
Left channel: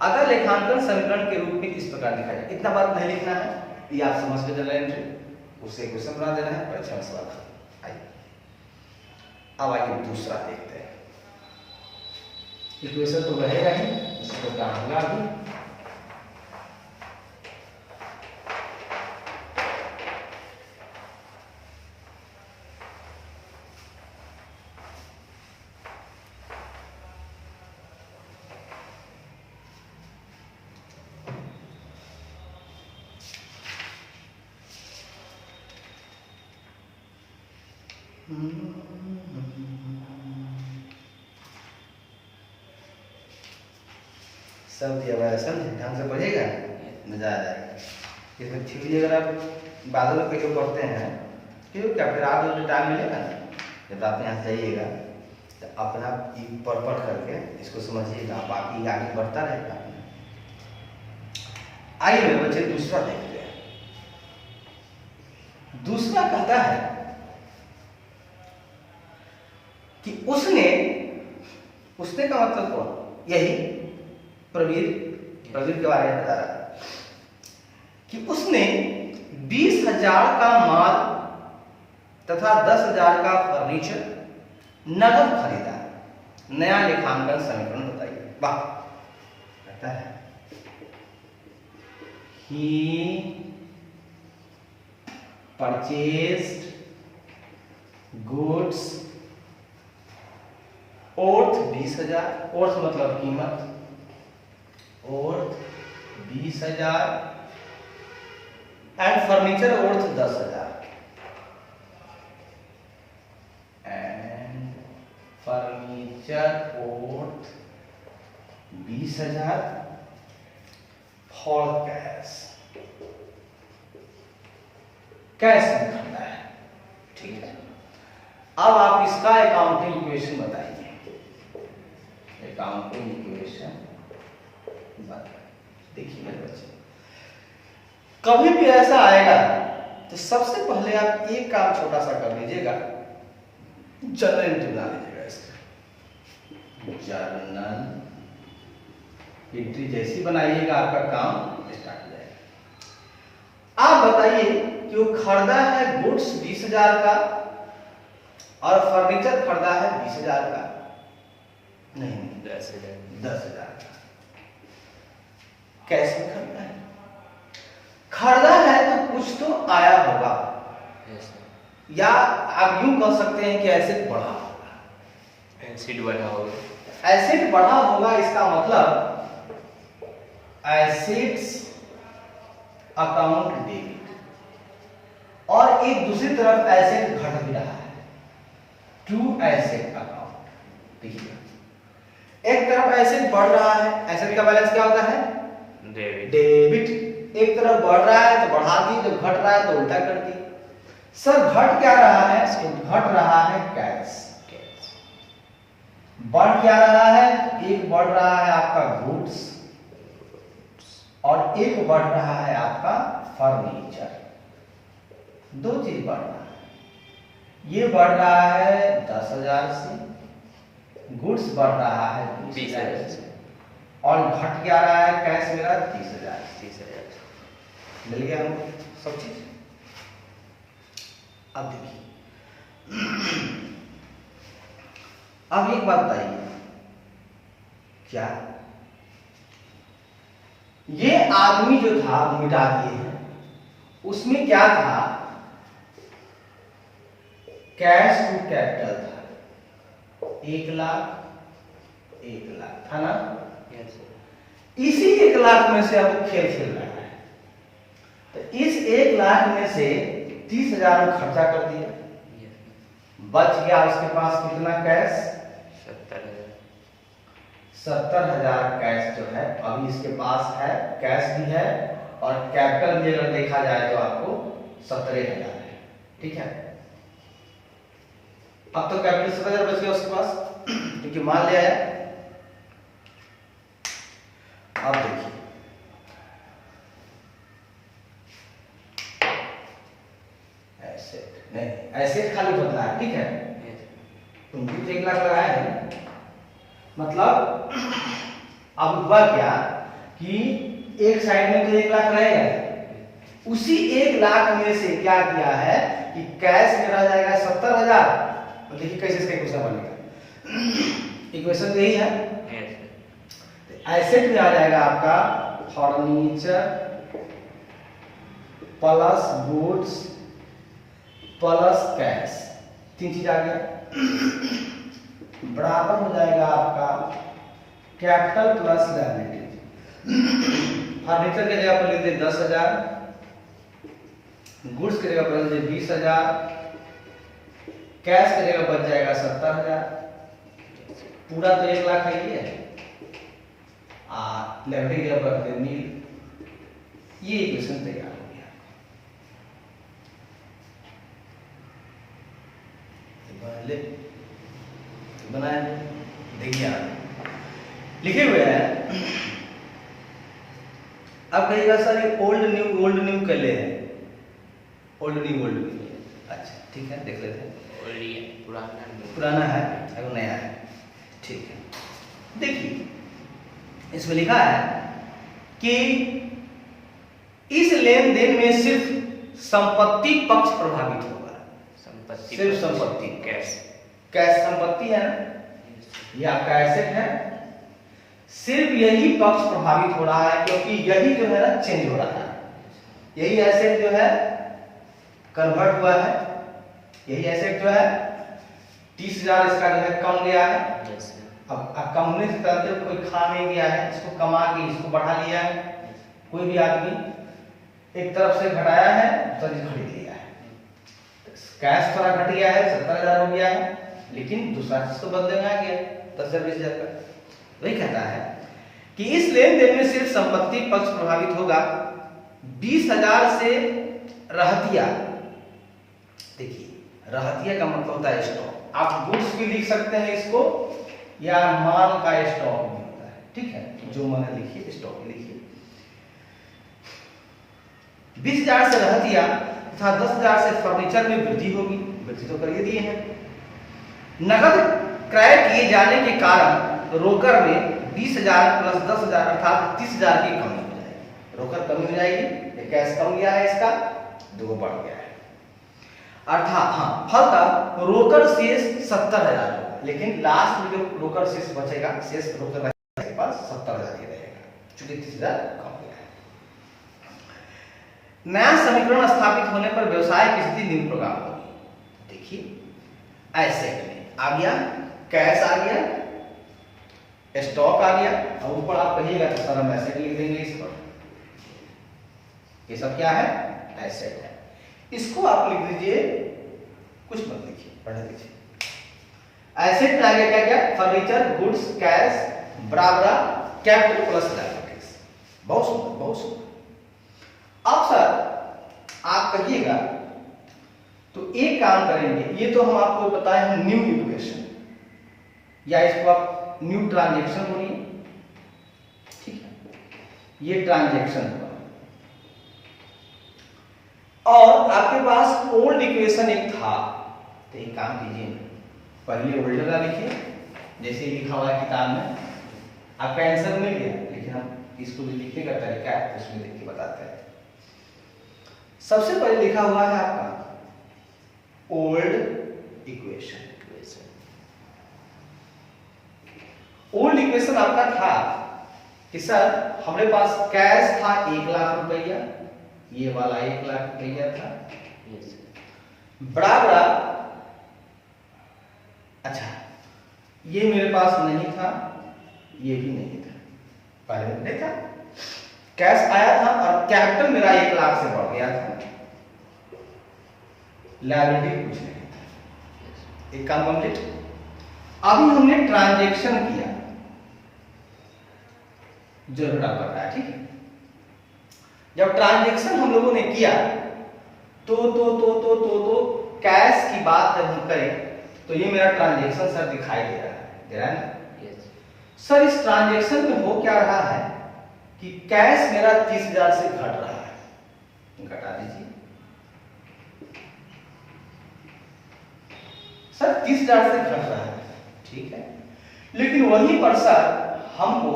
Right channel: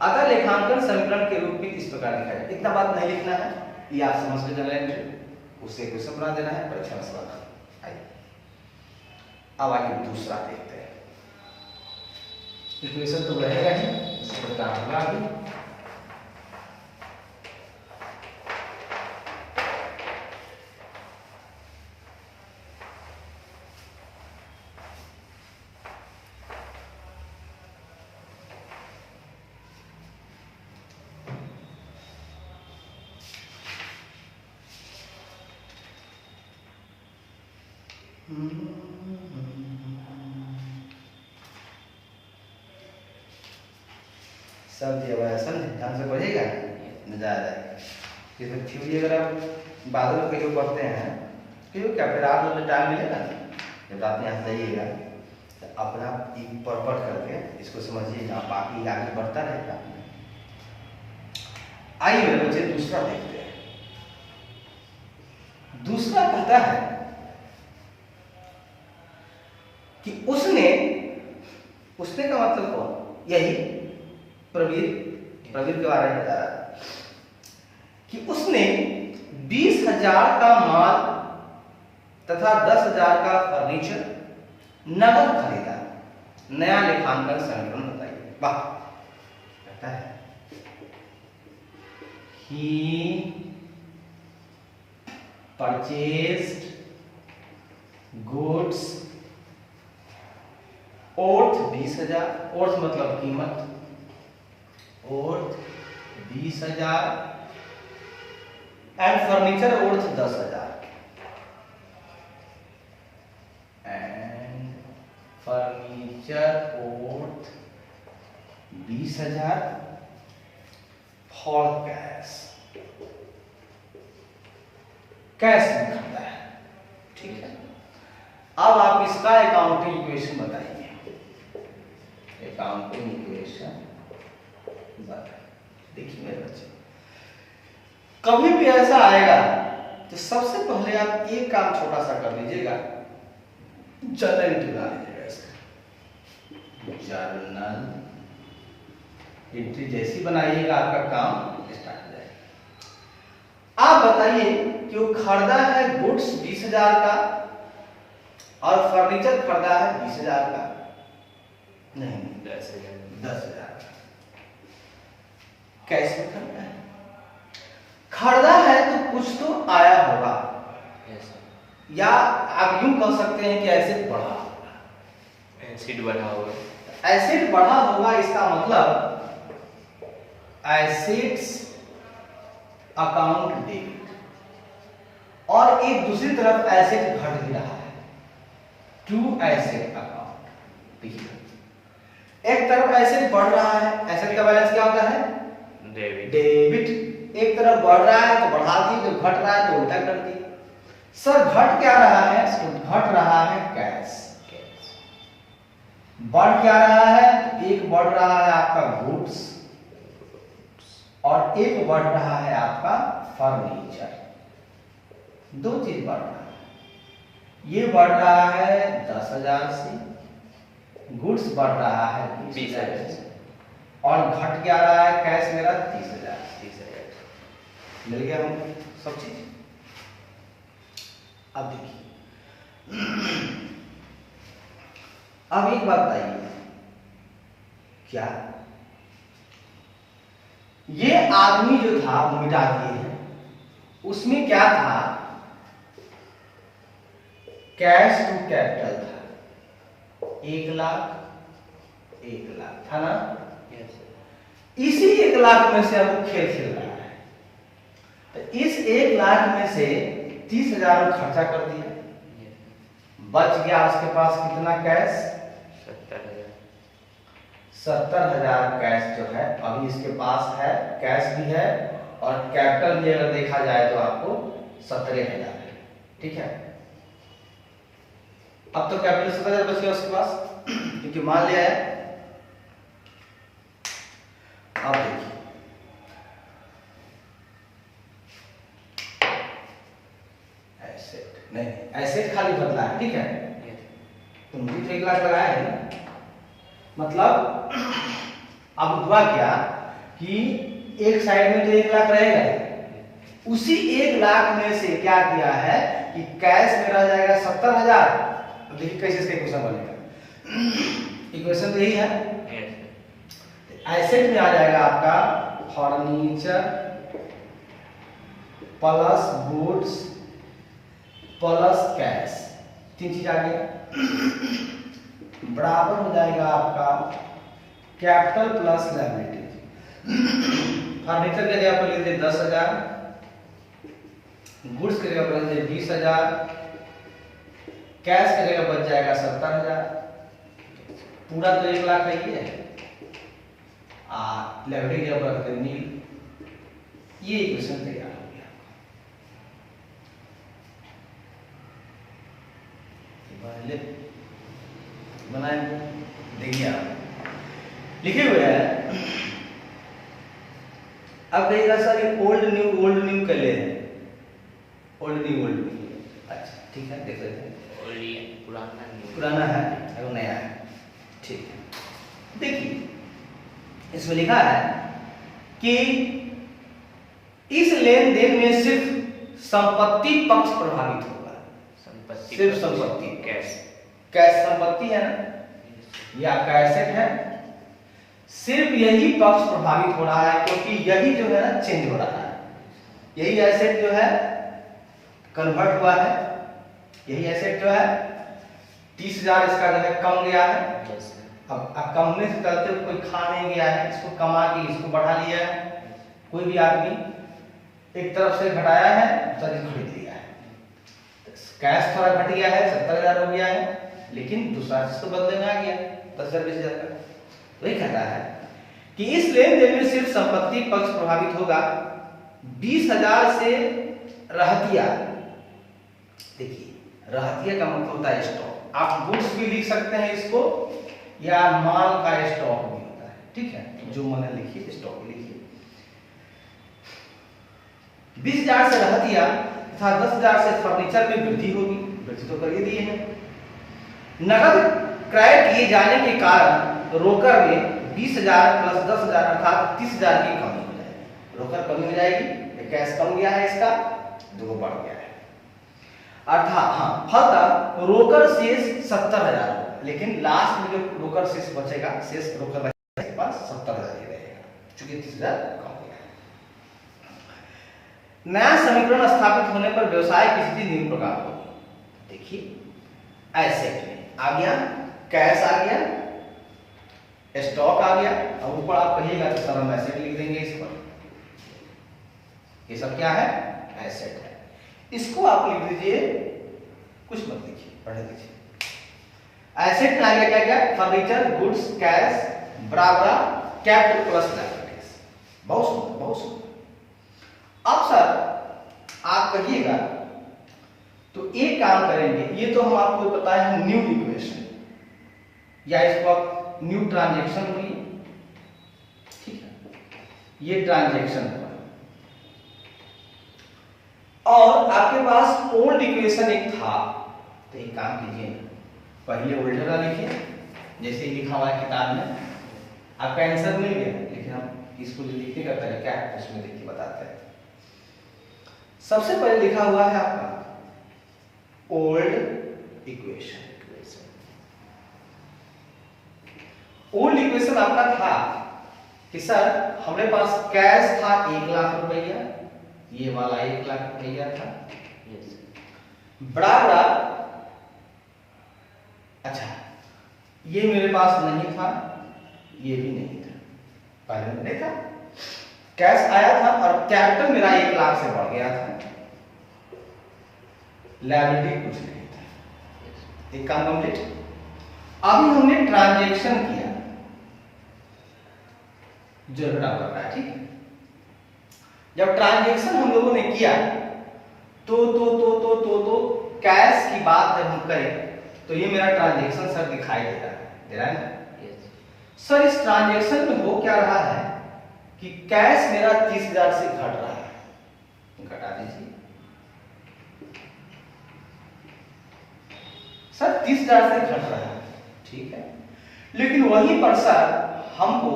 अगर लेखांकन समीकरण के रूप में इस प्रकार लिखा जाए, इतना बात नहीं लिखना है, ये आप समझ के चले उससे क्वेश्चन बना देना है, परीक्षा में सवाल आइए। अब आइए दूसरा देखते हैं। इक्वेशन तो रहेगा ही, इस प्रकार होगा भी। सब दिया हुआ है, समझे, ढंग से पढ़िएगा मजा आ जाएगा। इसमें थ्योरी अगर आप बादल के जो पढ़ते हैं फिर क्या, फिर आप जब टाइम मिलेगा ना, जब आप यहाँ जाइएगा तो अपना पढ़ करके इसको समझिएगा, बाकी आगे बढ़ता रहेगा। आइए मेरे बच्चे दूसरा देखते हैं। दूसरा कहता है कि उसने का मतलब कौन, यही प्रवीण के बारे में बता रहा है कि उसने 20,000 का माल तथा 10,000 का फर्नीचर नगद खरीदा। नया लेखांकन समीकरण बताइए। वाह, कहता है he purchased goods worth 20,000, worth मतलब कीमत, worth 20,000 and furniture worth 10,000 and furniture worth 20,000 for cash, cash में खरीदा है। ठीक है, अब आप इसका अकाउंटिंग इक्वेशन बताइए, अकाउंटिंग इक्वेशन बताइए। देखिए मेरे बच्चे, कभी भी ऐसा आएगा तो सबसे पहले आप एक काम छोटा सा कर लीजिएगा, जर्नल एंट्री बना लीजिएगा इसका। जर्नल एंट्री जैसी बनाइएगा आपका काम स्टार्ट हो जाएगा। आप बताइए कि वो खरीदा है गुड्स 20,000 का और फर्नीचर खरीदा है 20,000 का, नहीं 10,000 का। कैसे खरीदा है? खरीदा है तो कुछ तो आया होगा, या आप यूं कह सकते हैं कि एसेट बढ़ा होगा। एसेट बढ़ा होगा, एसेट बढ़ा होगा इसका मतलब एसेट्स अकाउंट डेबिट, और एक दूसरी तरफ एसेट घट भी रहा है, टू एसेट अकाउंट। देखिए एक तरफ एसेट बढ़ रहा है, एसेट का बैलेंस क्या होता है? डेबिट। एक तरफ बढ़ रहा है तो बढ़ा दी, जब घट रहा है तो उल्टा कर दी। सर घट क्या रहा है? घट रहा है कैश। बढ़ क्या रहा है? एक बढ़ रहा है आपका गुड्स और एक बढ़ रहा है आपका फर्नीचर। दो चीज बढ़ रहा है, ये बढ़ रहा है 10,000 से, गुड्स बढ़ रहा है 20,000 से, और घट क्या रहा है कैश मेरा 30,000। मिल गया हमको सब चीज। अब देखिए, अब एक बात बताइए, क्या ये आदमी जो था वो मिटा दिए हैं, उसमें क्या था? कैश टू कैपिटल था, 1,00,000 था ना? इसी 1,00,000 में से अब खेल खेल रहा है, तो इस 1,00,000 में से 30,000 खर्चा कर दिया, बच गया उसके पास कितना कैश? 70,000 कैश जो है अभी इसके पास है, कैश भी है और कैपिटल भी अगर देखा जाए तो आपको 17,000 है। ठीक है, अब तो कैपिटल 70,000 बच गया उसके पास, क्योंकि मान लिया है। अब देखिए, एसेट नहीं, एसेट खाली बदला है। ठीक है, तुम भी 1,00,000 लगाया है ना, मतलब अब हुआ क्या कि एक साइड में तो 1,00,000 रहेगा, उसी 1,00,000 में से क्या किया है कि कैश में रह जाएगा 70,000। देखिए कैसे इसका इक्वेशन बनेगा, इक्वेशन तो यही है। एसेट में आ जाएगा आपका furniture plus goods plus cash, 3 चीज आ गया, बराबर हो जाएगा आपका कैपिटल प्लस लायबिलिटी। फर्नीचर के जगह पर लिख दे 10,000, गुड्स के जगह पर लिख दे 20,000, कैश के जगह बच जाएगा 70,000। पूरा तो 1,00,000 है ये, लायबिलिटी की जगह पर रख दे नील। ये इक्वेशन तैयार हो गया। बनाए देखिए, आप लिखे हुए हैं। अब कहिएगा सर ये ओल्ड न्यू कर ले हैं, ओल्ड न्यू। अच्छा ठीक है, देख लेते हैं। पुराना है और नया है। ठीक है, देखिए इसमें लिखा है कि इस लेन देन में सिर्फ संपत्ति पक्ष प्रभावित होगा। सिर्फ संपत्ति, कैश संपत्ति है ना, ये आपका एसेट है। सिर्फ यही पक्ष प्रभावित हो रहा है, क्योंकि यही जो है ना चेंज हो रहा है। यही एसेट जो है कन्वर्ट हुआ है, यही एसेट जो है 30,000 इसका जो है कम गया है। अब कम होने से चलते कोई खा नहीं गया है, इसको कमा के इसको बढ़ा लिया है। कोई भी आदमी एक तरफ से घटाया है, तो खरीद लिया है। कैश थोड़ा घट गया है, 70,000 हो गया है, लेकिन दूसरा चीज तो बदले में आ गया 10,000 20,000 का। वही कहता है कि इस लेन देन में सिर्फ संपत्ति पक्ष प्रभावित होगा। 20,000 से रहतिया, देखिए रहतिया का मतलब होता है स्टॉक। आप गुड्स भी लिख सकते हैं इसको, या माल का स्टॉक भी होता है, ठीक है। जो मैंने लिखिए स्टॉक लिखिए। 20,000 से रहतिया तथा 10,000 से फर्नीचर में वृद्धि होगी, वृद्धि तो कर ही दिए हैं। नकद क्रय किए जाने के कारण रोकड़ में 20,000 प्लस 10,000 अर्थात 30,000 की कमी हो जाएगी। रोकड़ कमी हो जाएगी, कैश कम गया है, इसका 2 बढ़ गया है। अर्थात हाँ, फलतः रोकड़ शेष 70,000 होगा, लेकिन लास्ट में जो रोकड़ शेष बचेगा, शेष रोकड़ के पास 70,000 ही रहेगा, चूंकि 30,000 कम गया है। नया समीकरण स्थापित होने पर व्यवसाय की स्थिति निम्न प्रकार होगी। देखिए एसेट में आ गया, कैश आ गया, स्टॉक आ गया, और ऊपर आप कहिएगा तो सारा एसेट लिख देंगे इस पर। ये सब क्या है? एसेट है। इसको आप लिख दीजिए, कुछ मत लिखिए, पढ़े लीजिए। एसेट में आगे क्या क्या? फर्नीचर, गुड्स, कैश बराबर कैपिटल प्लस लायबिलिटीज। बहुत सुंदर, बहुत सुंदर। अब सर आप कहिएगा तो एक काम करेंगे, ये तो हम आपको बताए हैं न्यू इक्वेशन, या इसको आप न्यू ट्रांजैक्शन बोलिए, ठीक है। ये ट्रांजैक्शन हुआ, और आपके पास ओल्ड इक्वेशन एक था, तो एक काम कीजिए, पहले ओल्ड का लिखिए, जैसे लिखा हुआ है किताब में। आपका आंसर मिल गया, लेकिन हम इसको जो लिखने का तरीका है उसमें लिख के बताते हैं। सबसे पहले लिखा हुआ है आपका ओल्ड इक्वेशन। ओल्ड इक्वेशन आपका था कि सर हमारे पास कैश था 1,00,000 रुपया, ये वाला 1,00,000 रुपया था, बराबर, अच्छा ये मेरे पास नहीं था, ये भी नहीं था, पहले मैंने देखा कैश आया था और कैपिटल मेरा 1,00,000 से बढ़ गया था, लायबिलिटी कुछ नहीं था। एक काम कंप्लीट। अभी हमने ट्रांजैक्शन किया, जो कर रहा है, ठीक है। जब ट्रांजैक्शन हम लोगों ने किया तो कैश की बात जब हम करें तो ये मेरा ट्रांजैक्शन सर दिखाई दे रहा है ना? सर इस ट्रांजैक्शन में हो क्या रहा है कि कैश मेरा 30,000 से घट रहा है, घटा दीजिए सर, 30,000 से घट रहा है, ठीक है। लेकिन वहीं पर सर हमको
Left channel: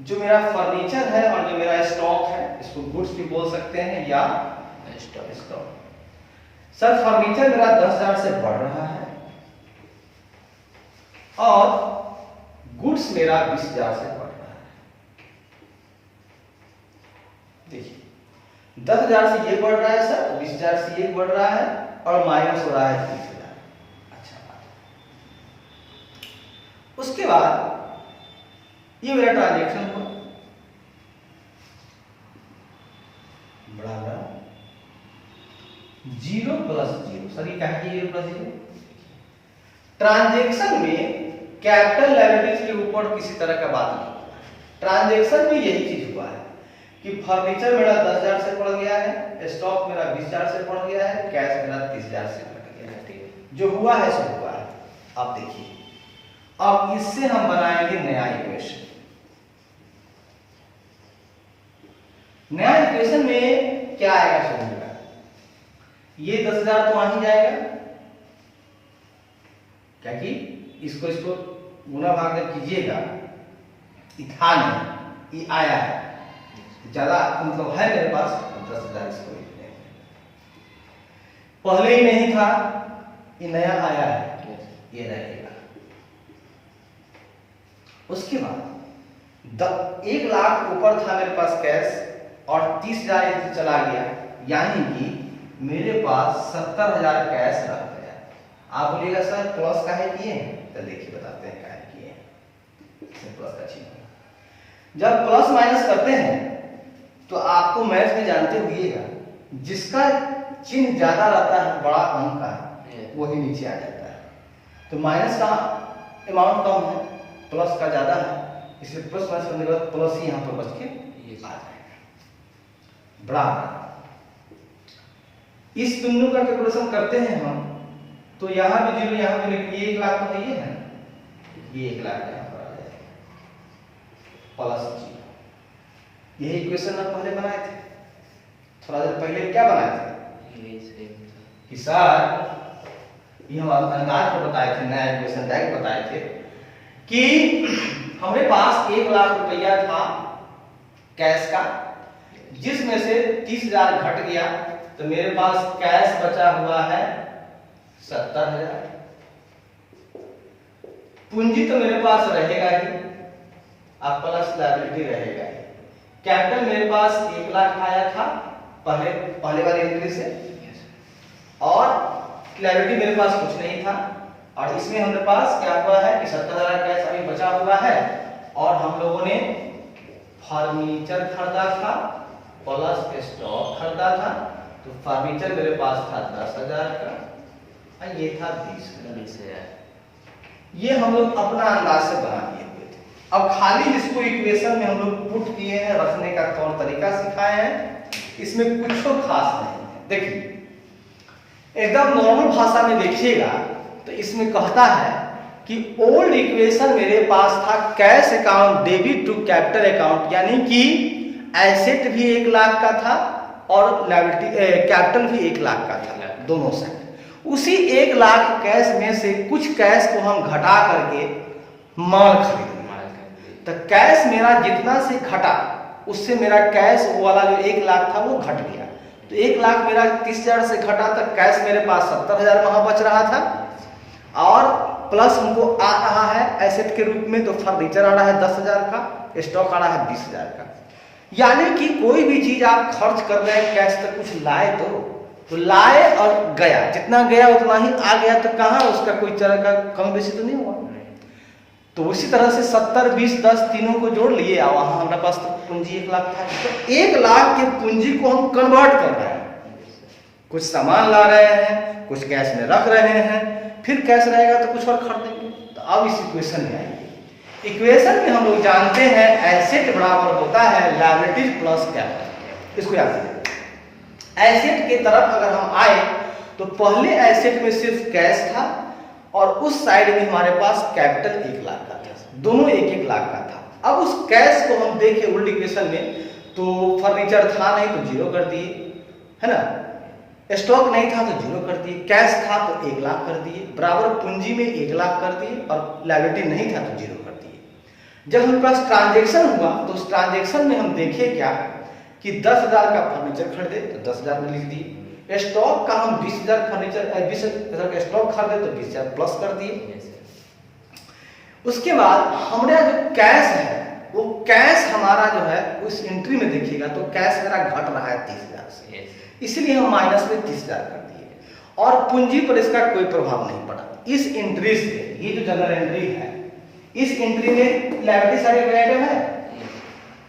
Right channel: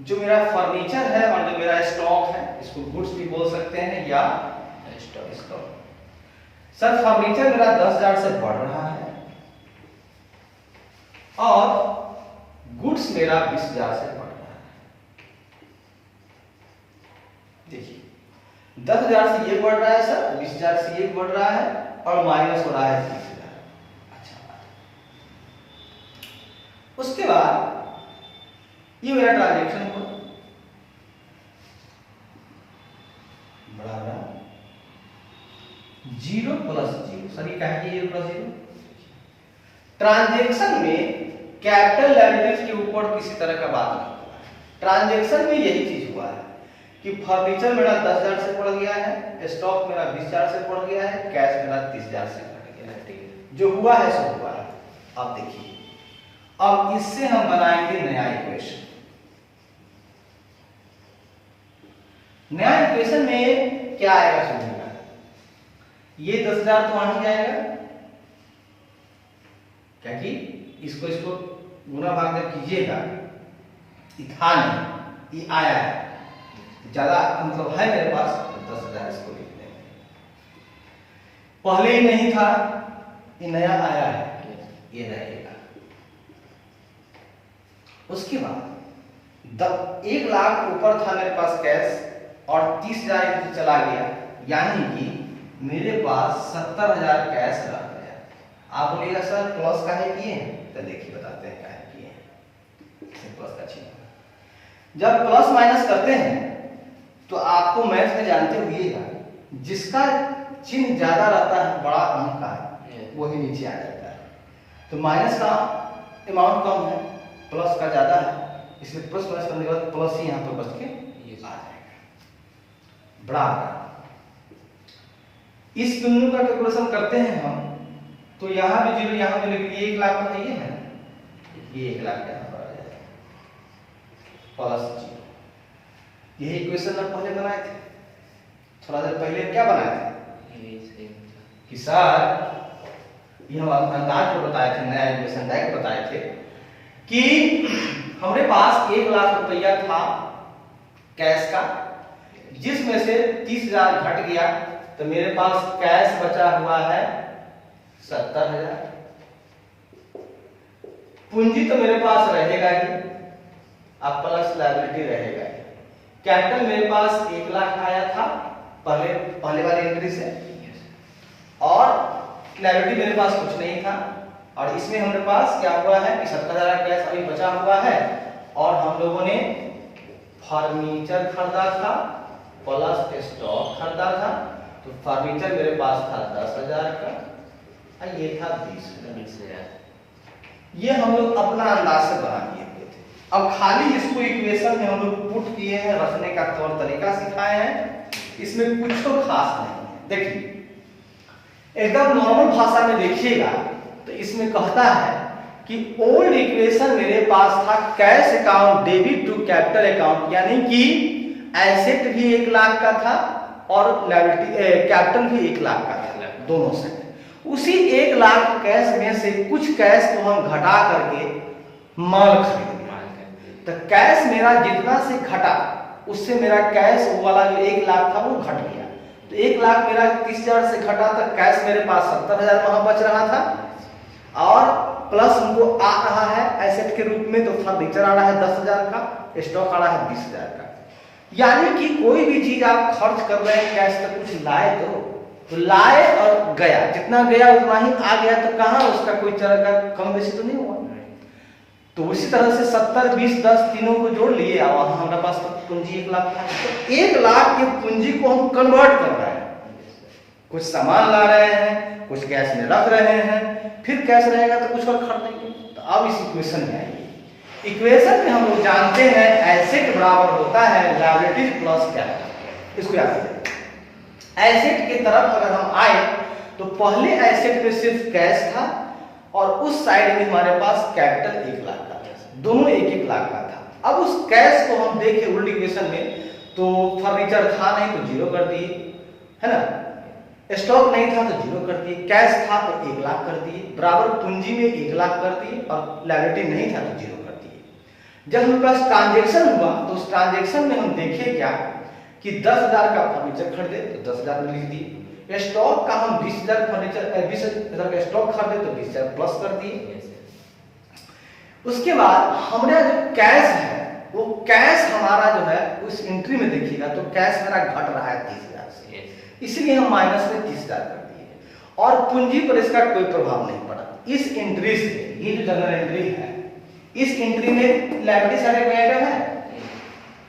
जो मेरा फर्नीचर है और जो मेरा स्टॉक है, इसको गुड्स भी बोल सकते हैं या स्टॉक। सर फर्नीचर मेरा 10,000 से बढ़ रहा है और गुड्स मेरा 20,000 से बढ़ रहा है। देखिए 10,000 से ये बढ़ रहा है सर, 20,000 से ये बढ़ रहा है, और माइनस हो रहा है 30,000। अच्छा बात। उसके बाद ये मेरा ट्रांजैक्शन हुआ, बराबर 0 प्लस 0। सर ये क्या है कि 0 प्लस 0? ट्रांजैक्शन में कैपिटल लायबिलिटीज के ऊपर किसी तरह का बात नहीं होता है। ट्रांजैक्शन में यही चीज हुआ है कि फर्नीचर मेरा 10,000 से बढ़ गया है, स्टॉक मेरा 20,000 से बढ़ गया है, कैश मेरा 30,000 से बढ़ गया है। जो हुआ है सो हुआ है। अब देखिए, अब इससे हम बनाएंगे नया इक्वेशन। नया इक्वेशन में क्या आएगा सुनिएगा, ये 10,000 तो आ ही जाएगा, क्या कि इसको गुणा भाग जब कीजिएगा, था नहीं, ये आया है, ज्यादा मतलब है मेरे पास, तो 10,000 इसको लिख देंगे। पहले ही नहीं था, ये नया आया है, ये रहेगा। उसके बाद 1 लाख ऊपर था मेरे पास कैश और 30,000 चला गया, यानी कि मेरे पास 70,000 कैश रह गया। आप बोलिएगा सर प्लस काहे किए हैं, तो देखिए बताते हैं काहे किए हैं। प्लस का चिन्ह जब प्लस माइनस करते हैं तो आपको मैथ में जानते हुएगा जिसका चिन्ह ज्यादा रहता है बड़ा अंक का वही नीचे आ जाता है। तो माइनस का अमाउंट कम है, प्लस का ज्यादा है, इसलिए प्लस माइनस करने के बाद प्लस ही यहाँ पर बच के आ जाएगा। बराबर इस बिंदु का कैलकुलेशन करते हैं हम, तो यहाँ भी 0 यहाँ भी, लेकिन ये 1 लाख का ये है, ये 1 लाख यहाँ पर आ जाएगा प्लस 0। यही इक्वेशन हम पहले बनाए थे, थोड़ा देर पहले क्या बनाए थे कि सर ये हम अंदाज को बताए थे, नया इक्वेशन डायरेक्ट बताए थे कि हमारे पास 1 लाख रुपया था कैश का, जिसमें से 30,000 घट गया, तो मेरे पास कैश बचा हुआ है 70,000। पूंजी तो मेरे पास रहेगा ही, अब प्लस लायबिलिटी रहेगा ही। कैपिटल मेरे पास 1 लाख आया था पहले वाली एंट्री से, और लायबिलिटी मेरे पास कुछ नहीं था, और इसमें हमारे पास क्या हुआ है कि 70,000 कैश अभी बचा हुआ है, और हम लोगों ने फर्नीचर खरीदा था प्लस स्टॉक खरीदा था, तो फर्नीचर मेरे पास था 10,000 का और ये था 20,000। ये हम लोग अपना अंदाज से बना दिए हुए थे। अब खाली इसको इक्वेशन में हम लोग पुट किए हैं, रखने का तौर तरीका सिखाए हैं, इसमें कुछ तो खास नहीं है। देखिए एकदम नॉर्मल भाषा में देखिएगा तो इसमें कहता है कि ओल्ड इक्वेशन मेरे पास था cash account debit to capital account, यानी कि एसेट भी 1 लाख का था और लायबिलिटी कैपिटल भी 1 लाख का था, दोनों से। उसी 1 लाख कैश में से कुछ कैश को हम घटा करके माल खरीद लिया, तो कैश मेरा जितना से घटा उससे मेरा कैश वाला जो 1 लाख था वो घट गया, तो 1 लाख मेरा 30,000 से घटा, तो कैश मेरे पास 70,000 वहां बच रहा था, और प्लस हमको आ रहा है एसेट के रूप में, तो फर्नीचर आ रहा है 10,000 का, स्टॉक आ रहा है 20,000 का। यानी कि कोई भी चीज आप खर्च कर रहे हैं कैश तक, कुछ लाए तो लाए और गया, जितना गया उतना ही आ गया, तो कहाँ उसका कोई तरह का कम बेसी तो नहीं हुआ। तो उसी तरह से 70, 20, 10 तीनों को जोड़ लिए, और वहां हमारे पास तो पूंजी 1 लाख था, तो 1 लाख के पूंजी को हम कन्वर्ट कर रहे हैं, कुछ सामान ला रहे हैं, कुछ कैश में रख रहे हैं, फिर कैश रहेगा तो कुछ और खरीदेंगे। तो अब इस इक्वेशन में आइए, इक्वेशन में हम लोग जानते हैं एसेट बराबर होता है लायबिलिटीज प्लस कैपिटल। इसको याद रखिए, एसेट की तरफ अगर हम आए तो पहले एसेट में सिर्फ कैश था, और उस साइड में हमारे पास कैपिटल 1 लाख का था, दोनों 1-1 लाख का था। अब उस कैश को हम देखें उल्टी इक्वेशन में, तो फर्नीचर था नहीं तो 0 कर दिए, है ना, स्टॉक नहीं था तो 0 कर दिए, कैश था तो 1 लाख कर दिए, बराबर पूंजी में 1 लाख कर दिए, और लायबिलिटी नहीं था तो 0 कर दिए। जब हमारे पास ट्रांजेक्शन हुआ तो उस ट्रांजेक्शन में हम देखिए क्या कि 10,000 का फर्नीचर खरीदे तो 10,000 में लिख दिए, स्टॉक का हम 20,000 फर्नीचर 20,000 का स्टॉक खरीदे तो 20,000 प्लस कर दिए। उसके बाद हमारा जो कैश है वो कैश हमारा जो है उस एंट्री में देखिएगा तो कैश मेरा घट रहा है 30,000 से, इसलिए हम माइनस में 30,000 कर दिए, और पूंजी पर इसका कोई प्रभाव नहीं पड़ा। इस एंट्री से, ये जो जनरल एंट्री है, इस एंट्री में लायबिलिटी साइड में आइटम है,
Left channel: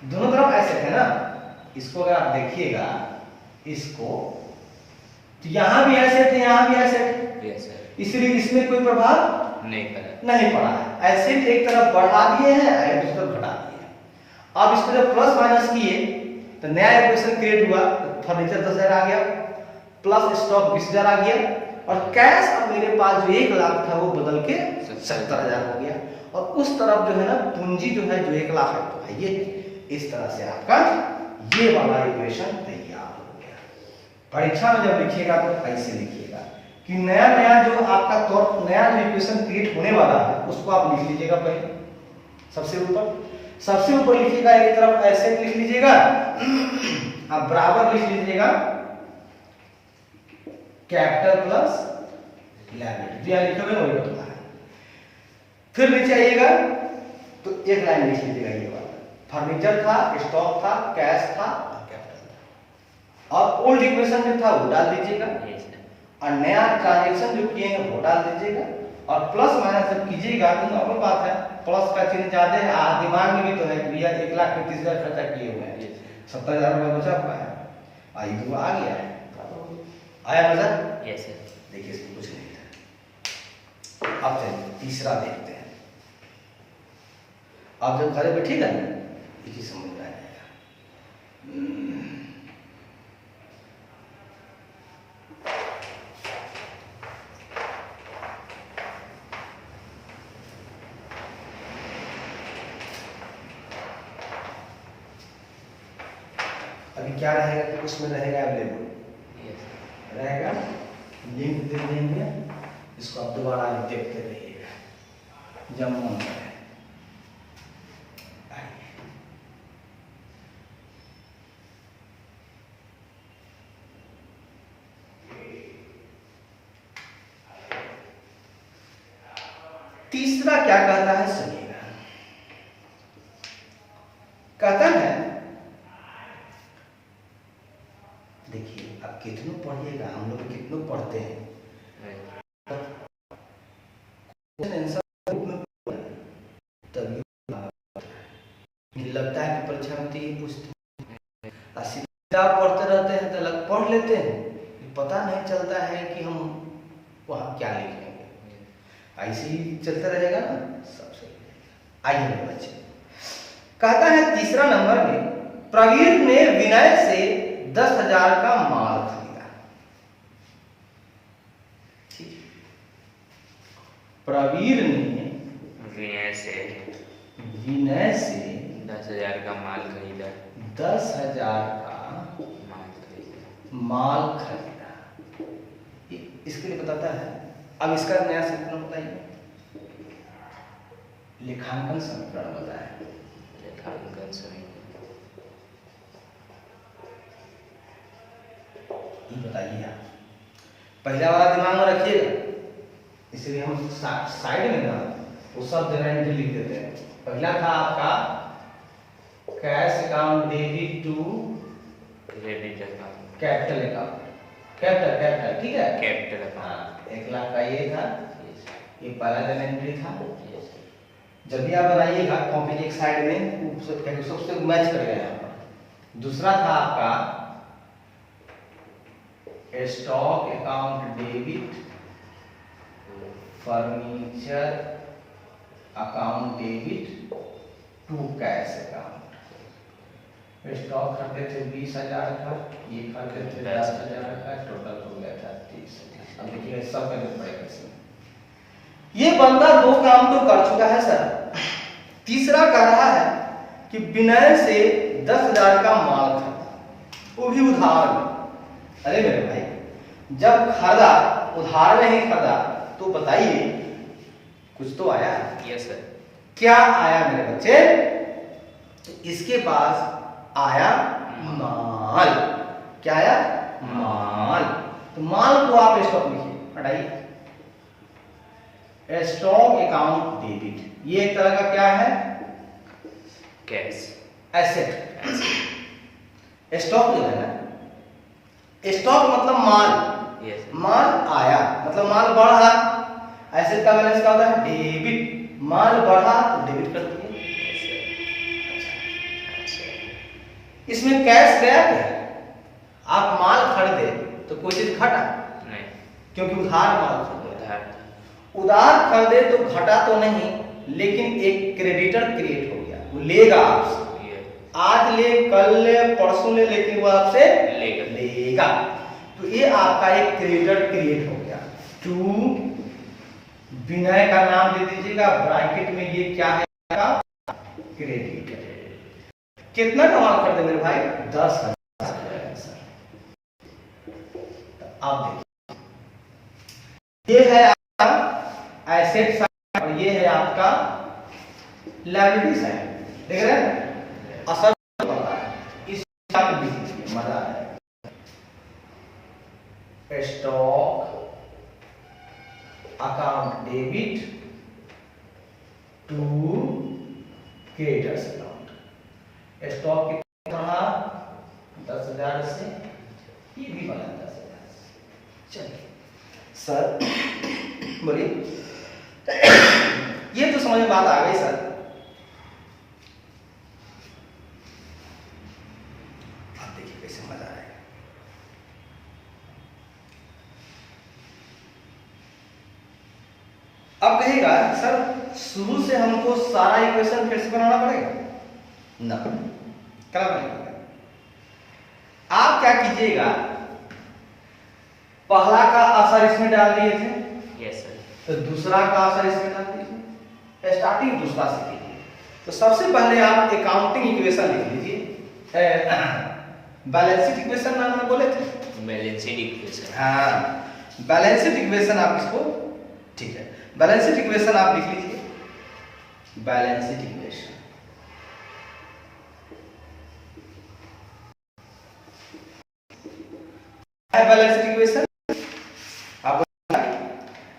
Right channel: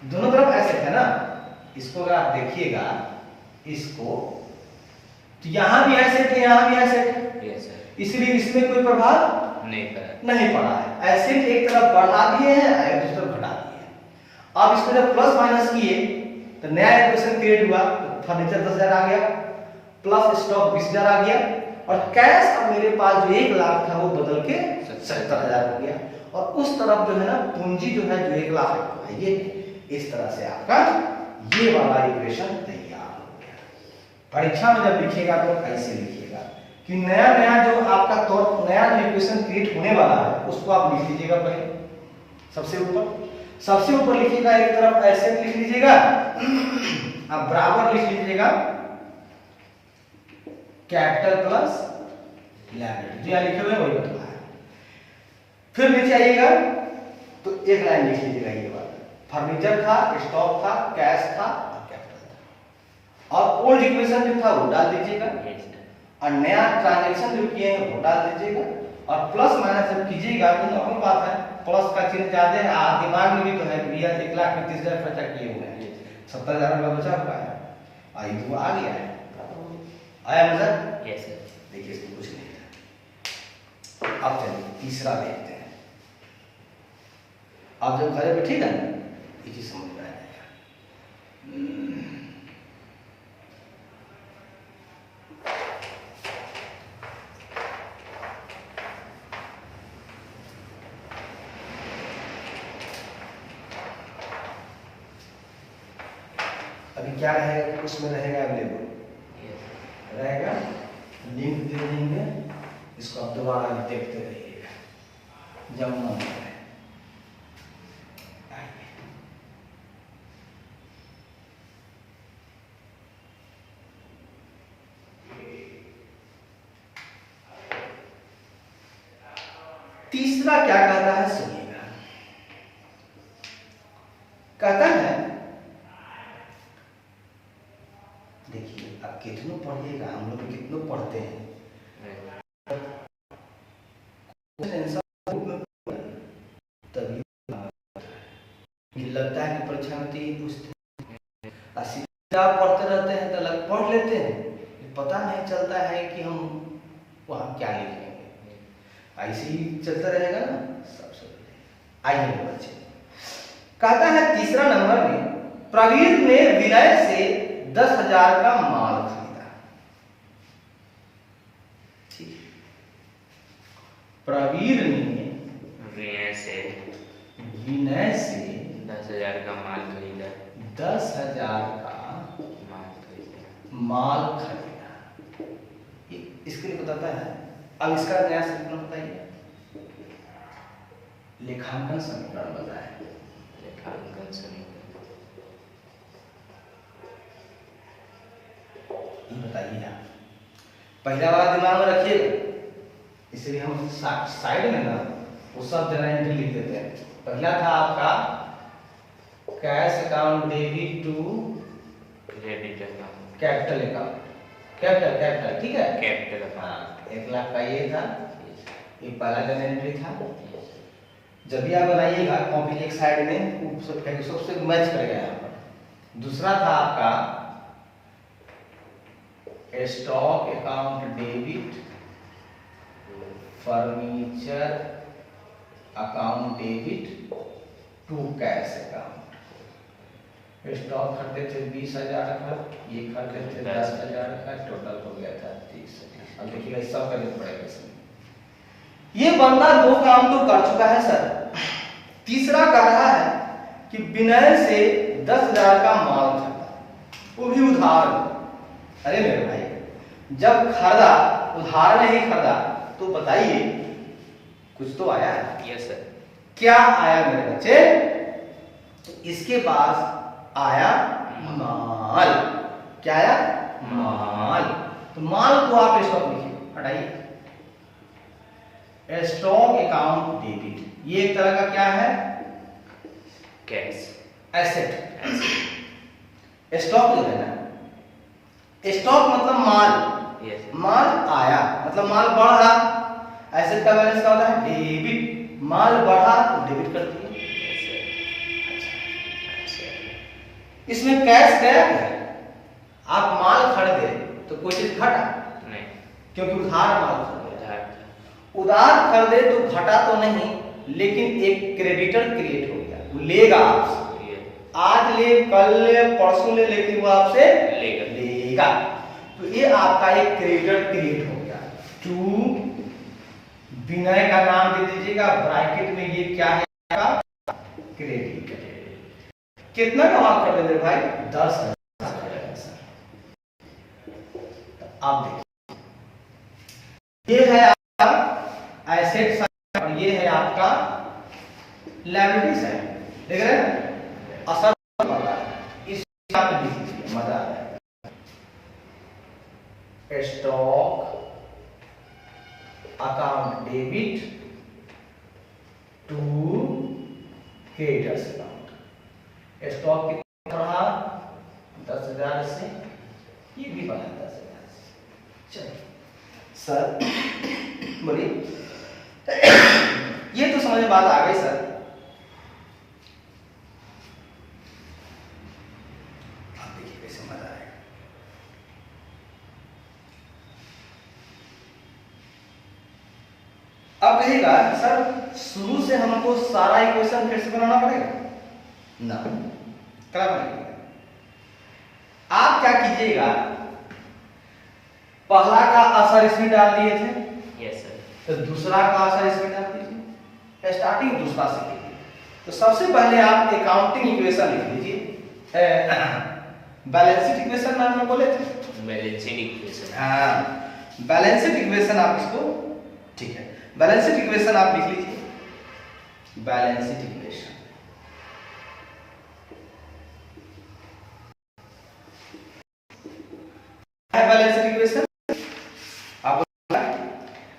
दोनों तरफ एसेट है ना, इसको अगर आप देखिएगा इसको, तो यहां भी एसेट है, यहां भी एसेट, इसलिए इसमें कोई प्रभाव नहीं पड़ा है। एसेट एक तरफ बढ़ा दिए हैं, एक दूसरी तरफ घटा दिए हैं। अब इसको जब प्लस माइनस किए तो नया इक्वेशन क्रिएट हुआ, तो फर्नीचर 10,000 आ गया, प्लस स्टॉक 20,000 आ गया, और कैश अब मेरे पास जो 1 लाख था वो बदल के 70,000 हो गया, और उस तरफ जो है ना पूंजी जो है जो 1 लाख रखा है, ये इस तरह से आपका ये वाला इक्वेशन तैयार हो गया। परीक्षा में जब लिखिएगा तो ऐसे लिखिएगा कि नया नया जो आपका नया जो इक्वेशन क्रिएट होने वाला है उसको आप लिख लीजिएगा। पहले सबसे ऊपर लिखिएगा, एक तरफ एसेट लिख लीजिएगा, अब बराबर लिख लीजिएगा कैपिटल प्लस लायबिलिटी, जो लिखे हुए वही होता है। फिर नीचे आइएगा तो एक लाइन लिख लीजिएगा ये वाला, फर्नीचर था, स्टॉक था, कैश था और कैपिटल था। और ओल्ड इक्वेशन जो था वो डाल दीजिएगा Yes, sir. और नया ट्रांजेक्शन जो किए हैं वो डाल दीजिएगा और प्लस माइनस जब कीजिएगा तो नॉर्मल बात है, प्लस का चिन्ह ज्यादा है। दिमाग में भी तो है कि भैया 1,35,000 खर्चा किए हुए हैं, 70,000 रुपये बचा हुआ है, आई तो आ गया है, आया नजर। Yes, sir. देखिए इसमें कुछ नहीं है। अब चलिए तीसरा देखते हैं। आप जब घर बैठेगा ना ये चीज समझ में आ जाएगा। अभी क्या रहेगा कि उसमें रहेगा अवेलेबल Yes, sir. रहेगा, लिंक दे देंगे, इसको आप दोबारा देखते रहिएगा जब मन करे। तीसरा क्या कहता है सुनिएगा, कहता है देखिए आप कितनों पढ़िएगा, हम लोग कितनों पढ़ते हैं, तभी लगता है कि परीक्षा में तो यही पूछते हैं। सीधा आप पढ़ते रहते हैं तो अलग पढ़ लेते हैं कि पता नहीं चलता है कि हम वहाँ क्या लिखेंगे, ऐसे ही चलता रहेगा ना सबसे। आइए बच्चे, कहता है तीसरा नंबर में प्रवीण ने विनय से 10,000 का माल खरीदा। ठीक, प्रवीण ने विनय से 10,000 का माल खरीदा। 10,000 का माल खरीदा। इसके लिए बताता है। अब इसका नया समीकरण बताइए, लेखांकन समीकरण बताए। लेखांकन समीकरण ये बताइए आप, पहला वाला दिमाग में रखिएगा, इसलिए हम साइड में ना वो सब जगह एंट्री लिख देते हैं। पहला था आपका cash account debit to credit account, capital account, capital ठीक है, कैपिटल अकाउंट। हाँ 1,00,000 का ये था, ये पहला जन एंट्री था। Yes, sir. जब भी आप बनाइएगा कॉपी एक साइड में सबसे मैच करेगा यहाँ पर। दूसरा था आपका stock account debit, furniture account debit to cash account. Stock खरीदे थे 20,000 का, ये खरीदे थे 10,000 का, टोटल हो गया था 30,000। अब देखिएगा सब करना पड़ेगा इसमें। ये बंदा 2 काम तो कर चुका है सर, तीसरा कर रहा है कि विनय से 10,000 का माल खरीदा, वो भी उधार। अरे मेरे भाई, जब खरीदा उधार में ही खरीदा तो बताइए कुछ तो आया। Yes, sir. क्या आया मेरे बच्चे? इसके पास आया माल। क्या आया? माल। तो माल को आप स्टॉक लिखिए, हटाइए, स्टॉक अकाउंट डेबिट। ये एक तरह का क्या है? Cash, asset. स्टॉक जो है ना, स्टॉक मतलब माल। Yes, sir. माल आया मतलब माल बढ़ रहा। एसेट का बैलेंस क्या होता है? डेबिट। माल बढ़ा तो डेबिट कर दिए। Yes, sir. अच्छा। इसमें कैश गया क्या? आप माल खरीदे तो कोई चीज घटा नहीं, क्योंकि उधार माल खरीदे। उधार। उधार खरीदे तो घटा तो नहीं, लेकिन एक क्रेडिटर क्रिएट हो गया, वो लेगा आपसे। ये आज ले, कल ले, परसों ले, लेकिन वो आपसे लेगा। तो ये आपका एक क्रेडिटर क्रिएट हो गया। टू विनय का नाम दे दीजिएगा, ब्रैकेट में ये क्या है आपका? क्रेडिट। कितना का माल खरीदे मेरे भाई? 10,000। आप देखिए, ये है आपका एसेट साइड और ये है आपका लायबिलिटी साइड। देख रहे हैं? असर पता है, इस आप लिख लीजिए, मजा आएगा। Stock account debit to creditors account. Stock कितना बढ़ा 10,000 से, ये भी बढ़ा 10,000 से। चलिए सर बोलिए। ये तो समझ में बात आ गई सर। आप देखिए कैसे मजा आएगा। अब कहेगा सर शुरू से हमको सारा इक्वेशन फिर से बनाना पड़ेगा ना, क्या बनेगा? आप क्या कीजिएगा, पहला का असर इसमें डाल दिए थे, यस सर। तो दूसरा का असर इसमें डाल दीजिए, स्टार्टिंग दूसरा से कीजिए। तो सबसे पहले आप अकाउंटिंग इक्वेशन लिख लीजिए। बैलेंस इक्वेशन नाम में बोले थे, बैलेंसिंग इक्वेशन। हाँ बैलेंस्ड इक्वेशन आप इसको, ठीक है, बैलेंस्ड इक्वेशन आप लिख लीजिए। बैलेंस्ड इक्वेशन बैलेंस्ड इक्वेशन आप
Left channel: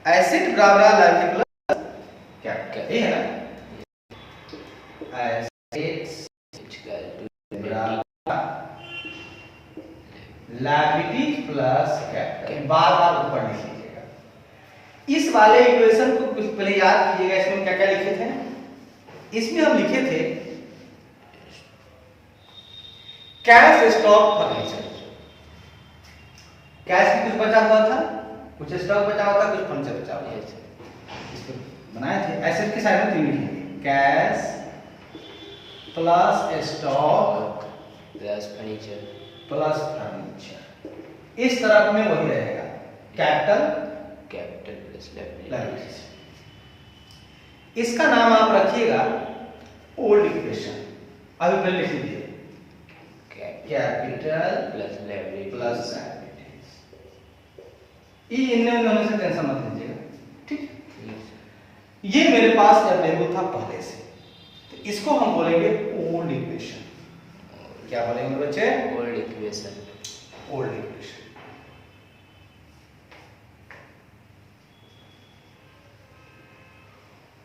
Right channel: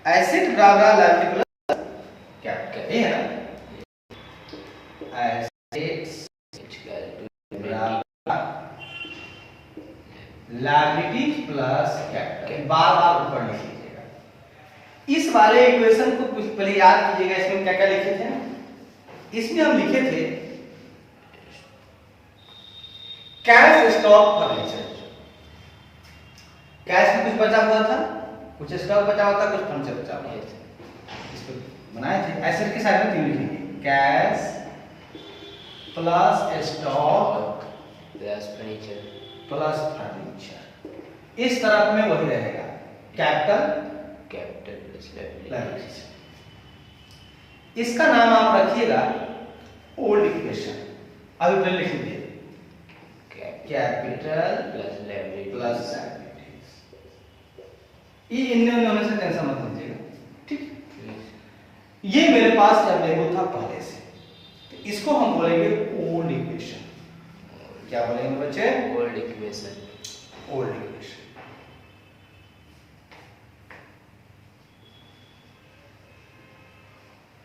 एसेट बराबर लायबिलिटी प्लस क्या क्या ये है ना, एसेट्स बराबर लायबिलिटी प्लस कैपिटल, बार बार ऊपर लिख लीजिएगा। इस वाले इक्वेशन को कुछ पहले याद कीजिएगा। इसमें क्या क्या लिखे थे ना, इसमें हम लिखे थे कैश स्टॉक फर्नीचर। कैश में कुछ बचा हुआ था, कुछ स्टॉक बचा हुआ था, कुछ फर्नीचर बचा हुआ था, इसको बनाए थे। एसेट की साइड में तीन लिखेंगे, cash plus stock plus furniture plus furniture. इस तरफ में वही रहेगा, कैपिटल कैपिटल प्लस लायबिलिटीज। इसका नाम आप रखिएगा ओल्ड इक्वेशन। अभी पहले लिख लीजिए capital plus liability plus liabilities. ये इनमें होने से टेंशन मत लीजिए, ठीक। ये मेरे पास अवेलेबल था पहले से, तो इसको हम बोलेंगे ओल्ड इक्वेशन। क्या बोलेंगे बच्चे? Old equation. Old equation.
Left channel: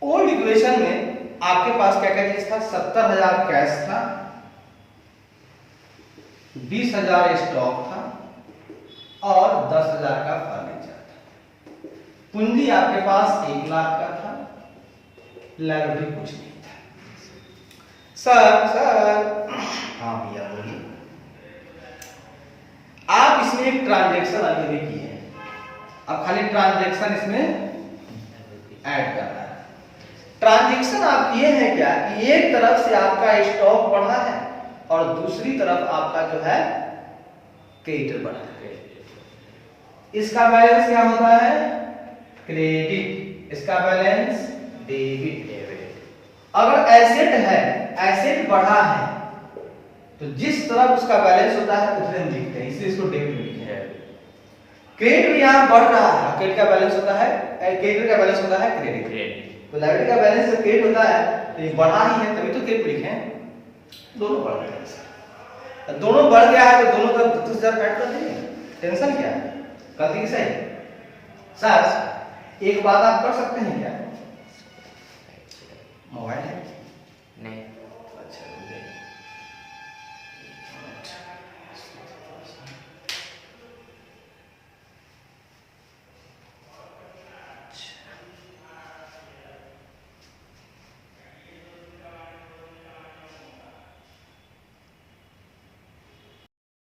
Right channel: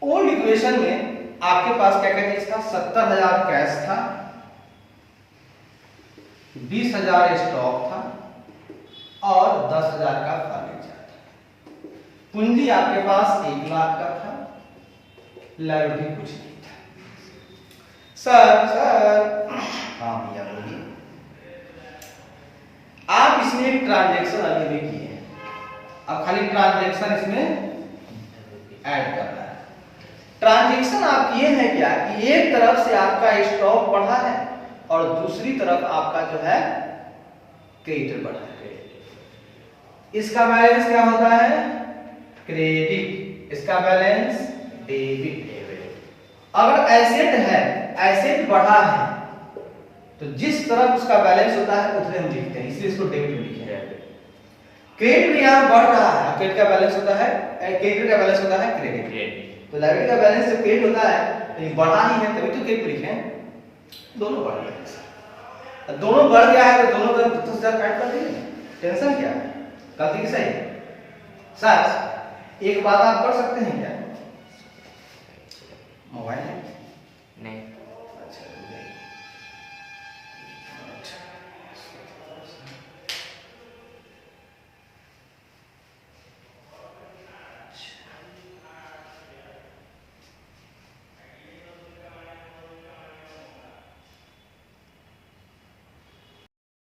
Old equation में आपके पास क्या क्या चीज था? 70,000 कैश था, 20,000 स्टॉक था और 10,000 का फर्नीचर था। पूंजी आपके पास 1 लाख का था, लायबिलिटी कुछ नहीं था। सर हाँ भैया बोलिए। आप इसमें एक ट्रांजैक्शन अभी भी किए हैं, अब खाली ट्रांजैक्शन इसमें ऐड करना है। ट्रांजैक्शन आप किए हैं क्या कि एक तरफ से आपका स्टॉक बढ़ा है और दूसरी तरफ आपका जो है क्रेडिट बढ़ा है। इसका बैलेंस क्या होता है? क्रेडिट। इसका बैलेंस डेबिट। अगर एसेट है, एसेट बढ़ा है, तो जिस तरफ उसका बैलेंस होता है उतने हम लिखते हैं, इसलिए इसको डेबिट लिखते हैं। क्रेडिट भी यहाँ बढ़ रहा है, क्रेडिट का बैलेंस होता है, क्रेडिट का बैलेंस होता है क्रेडिट। तो लायबिलिटी का बैलेंस जब क्रेडिट होता है तो ये बढ़ा ही है, तभी तो क्रेडिट लिखे हैं। दोनों बढ़ गए, दोनों बढ़ गया है तो दोनों का 10,000 काट कर देंगे, टेंशन क्या है? कथी सही सर? एक बात आप कर सकते हैं क्या? मोबाइल है नहीं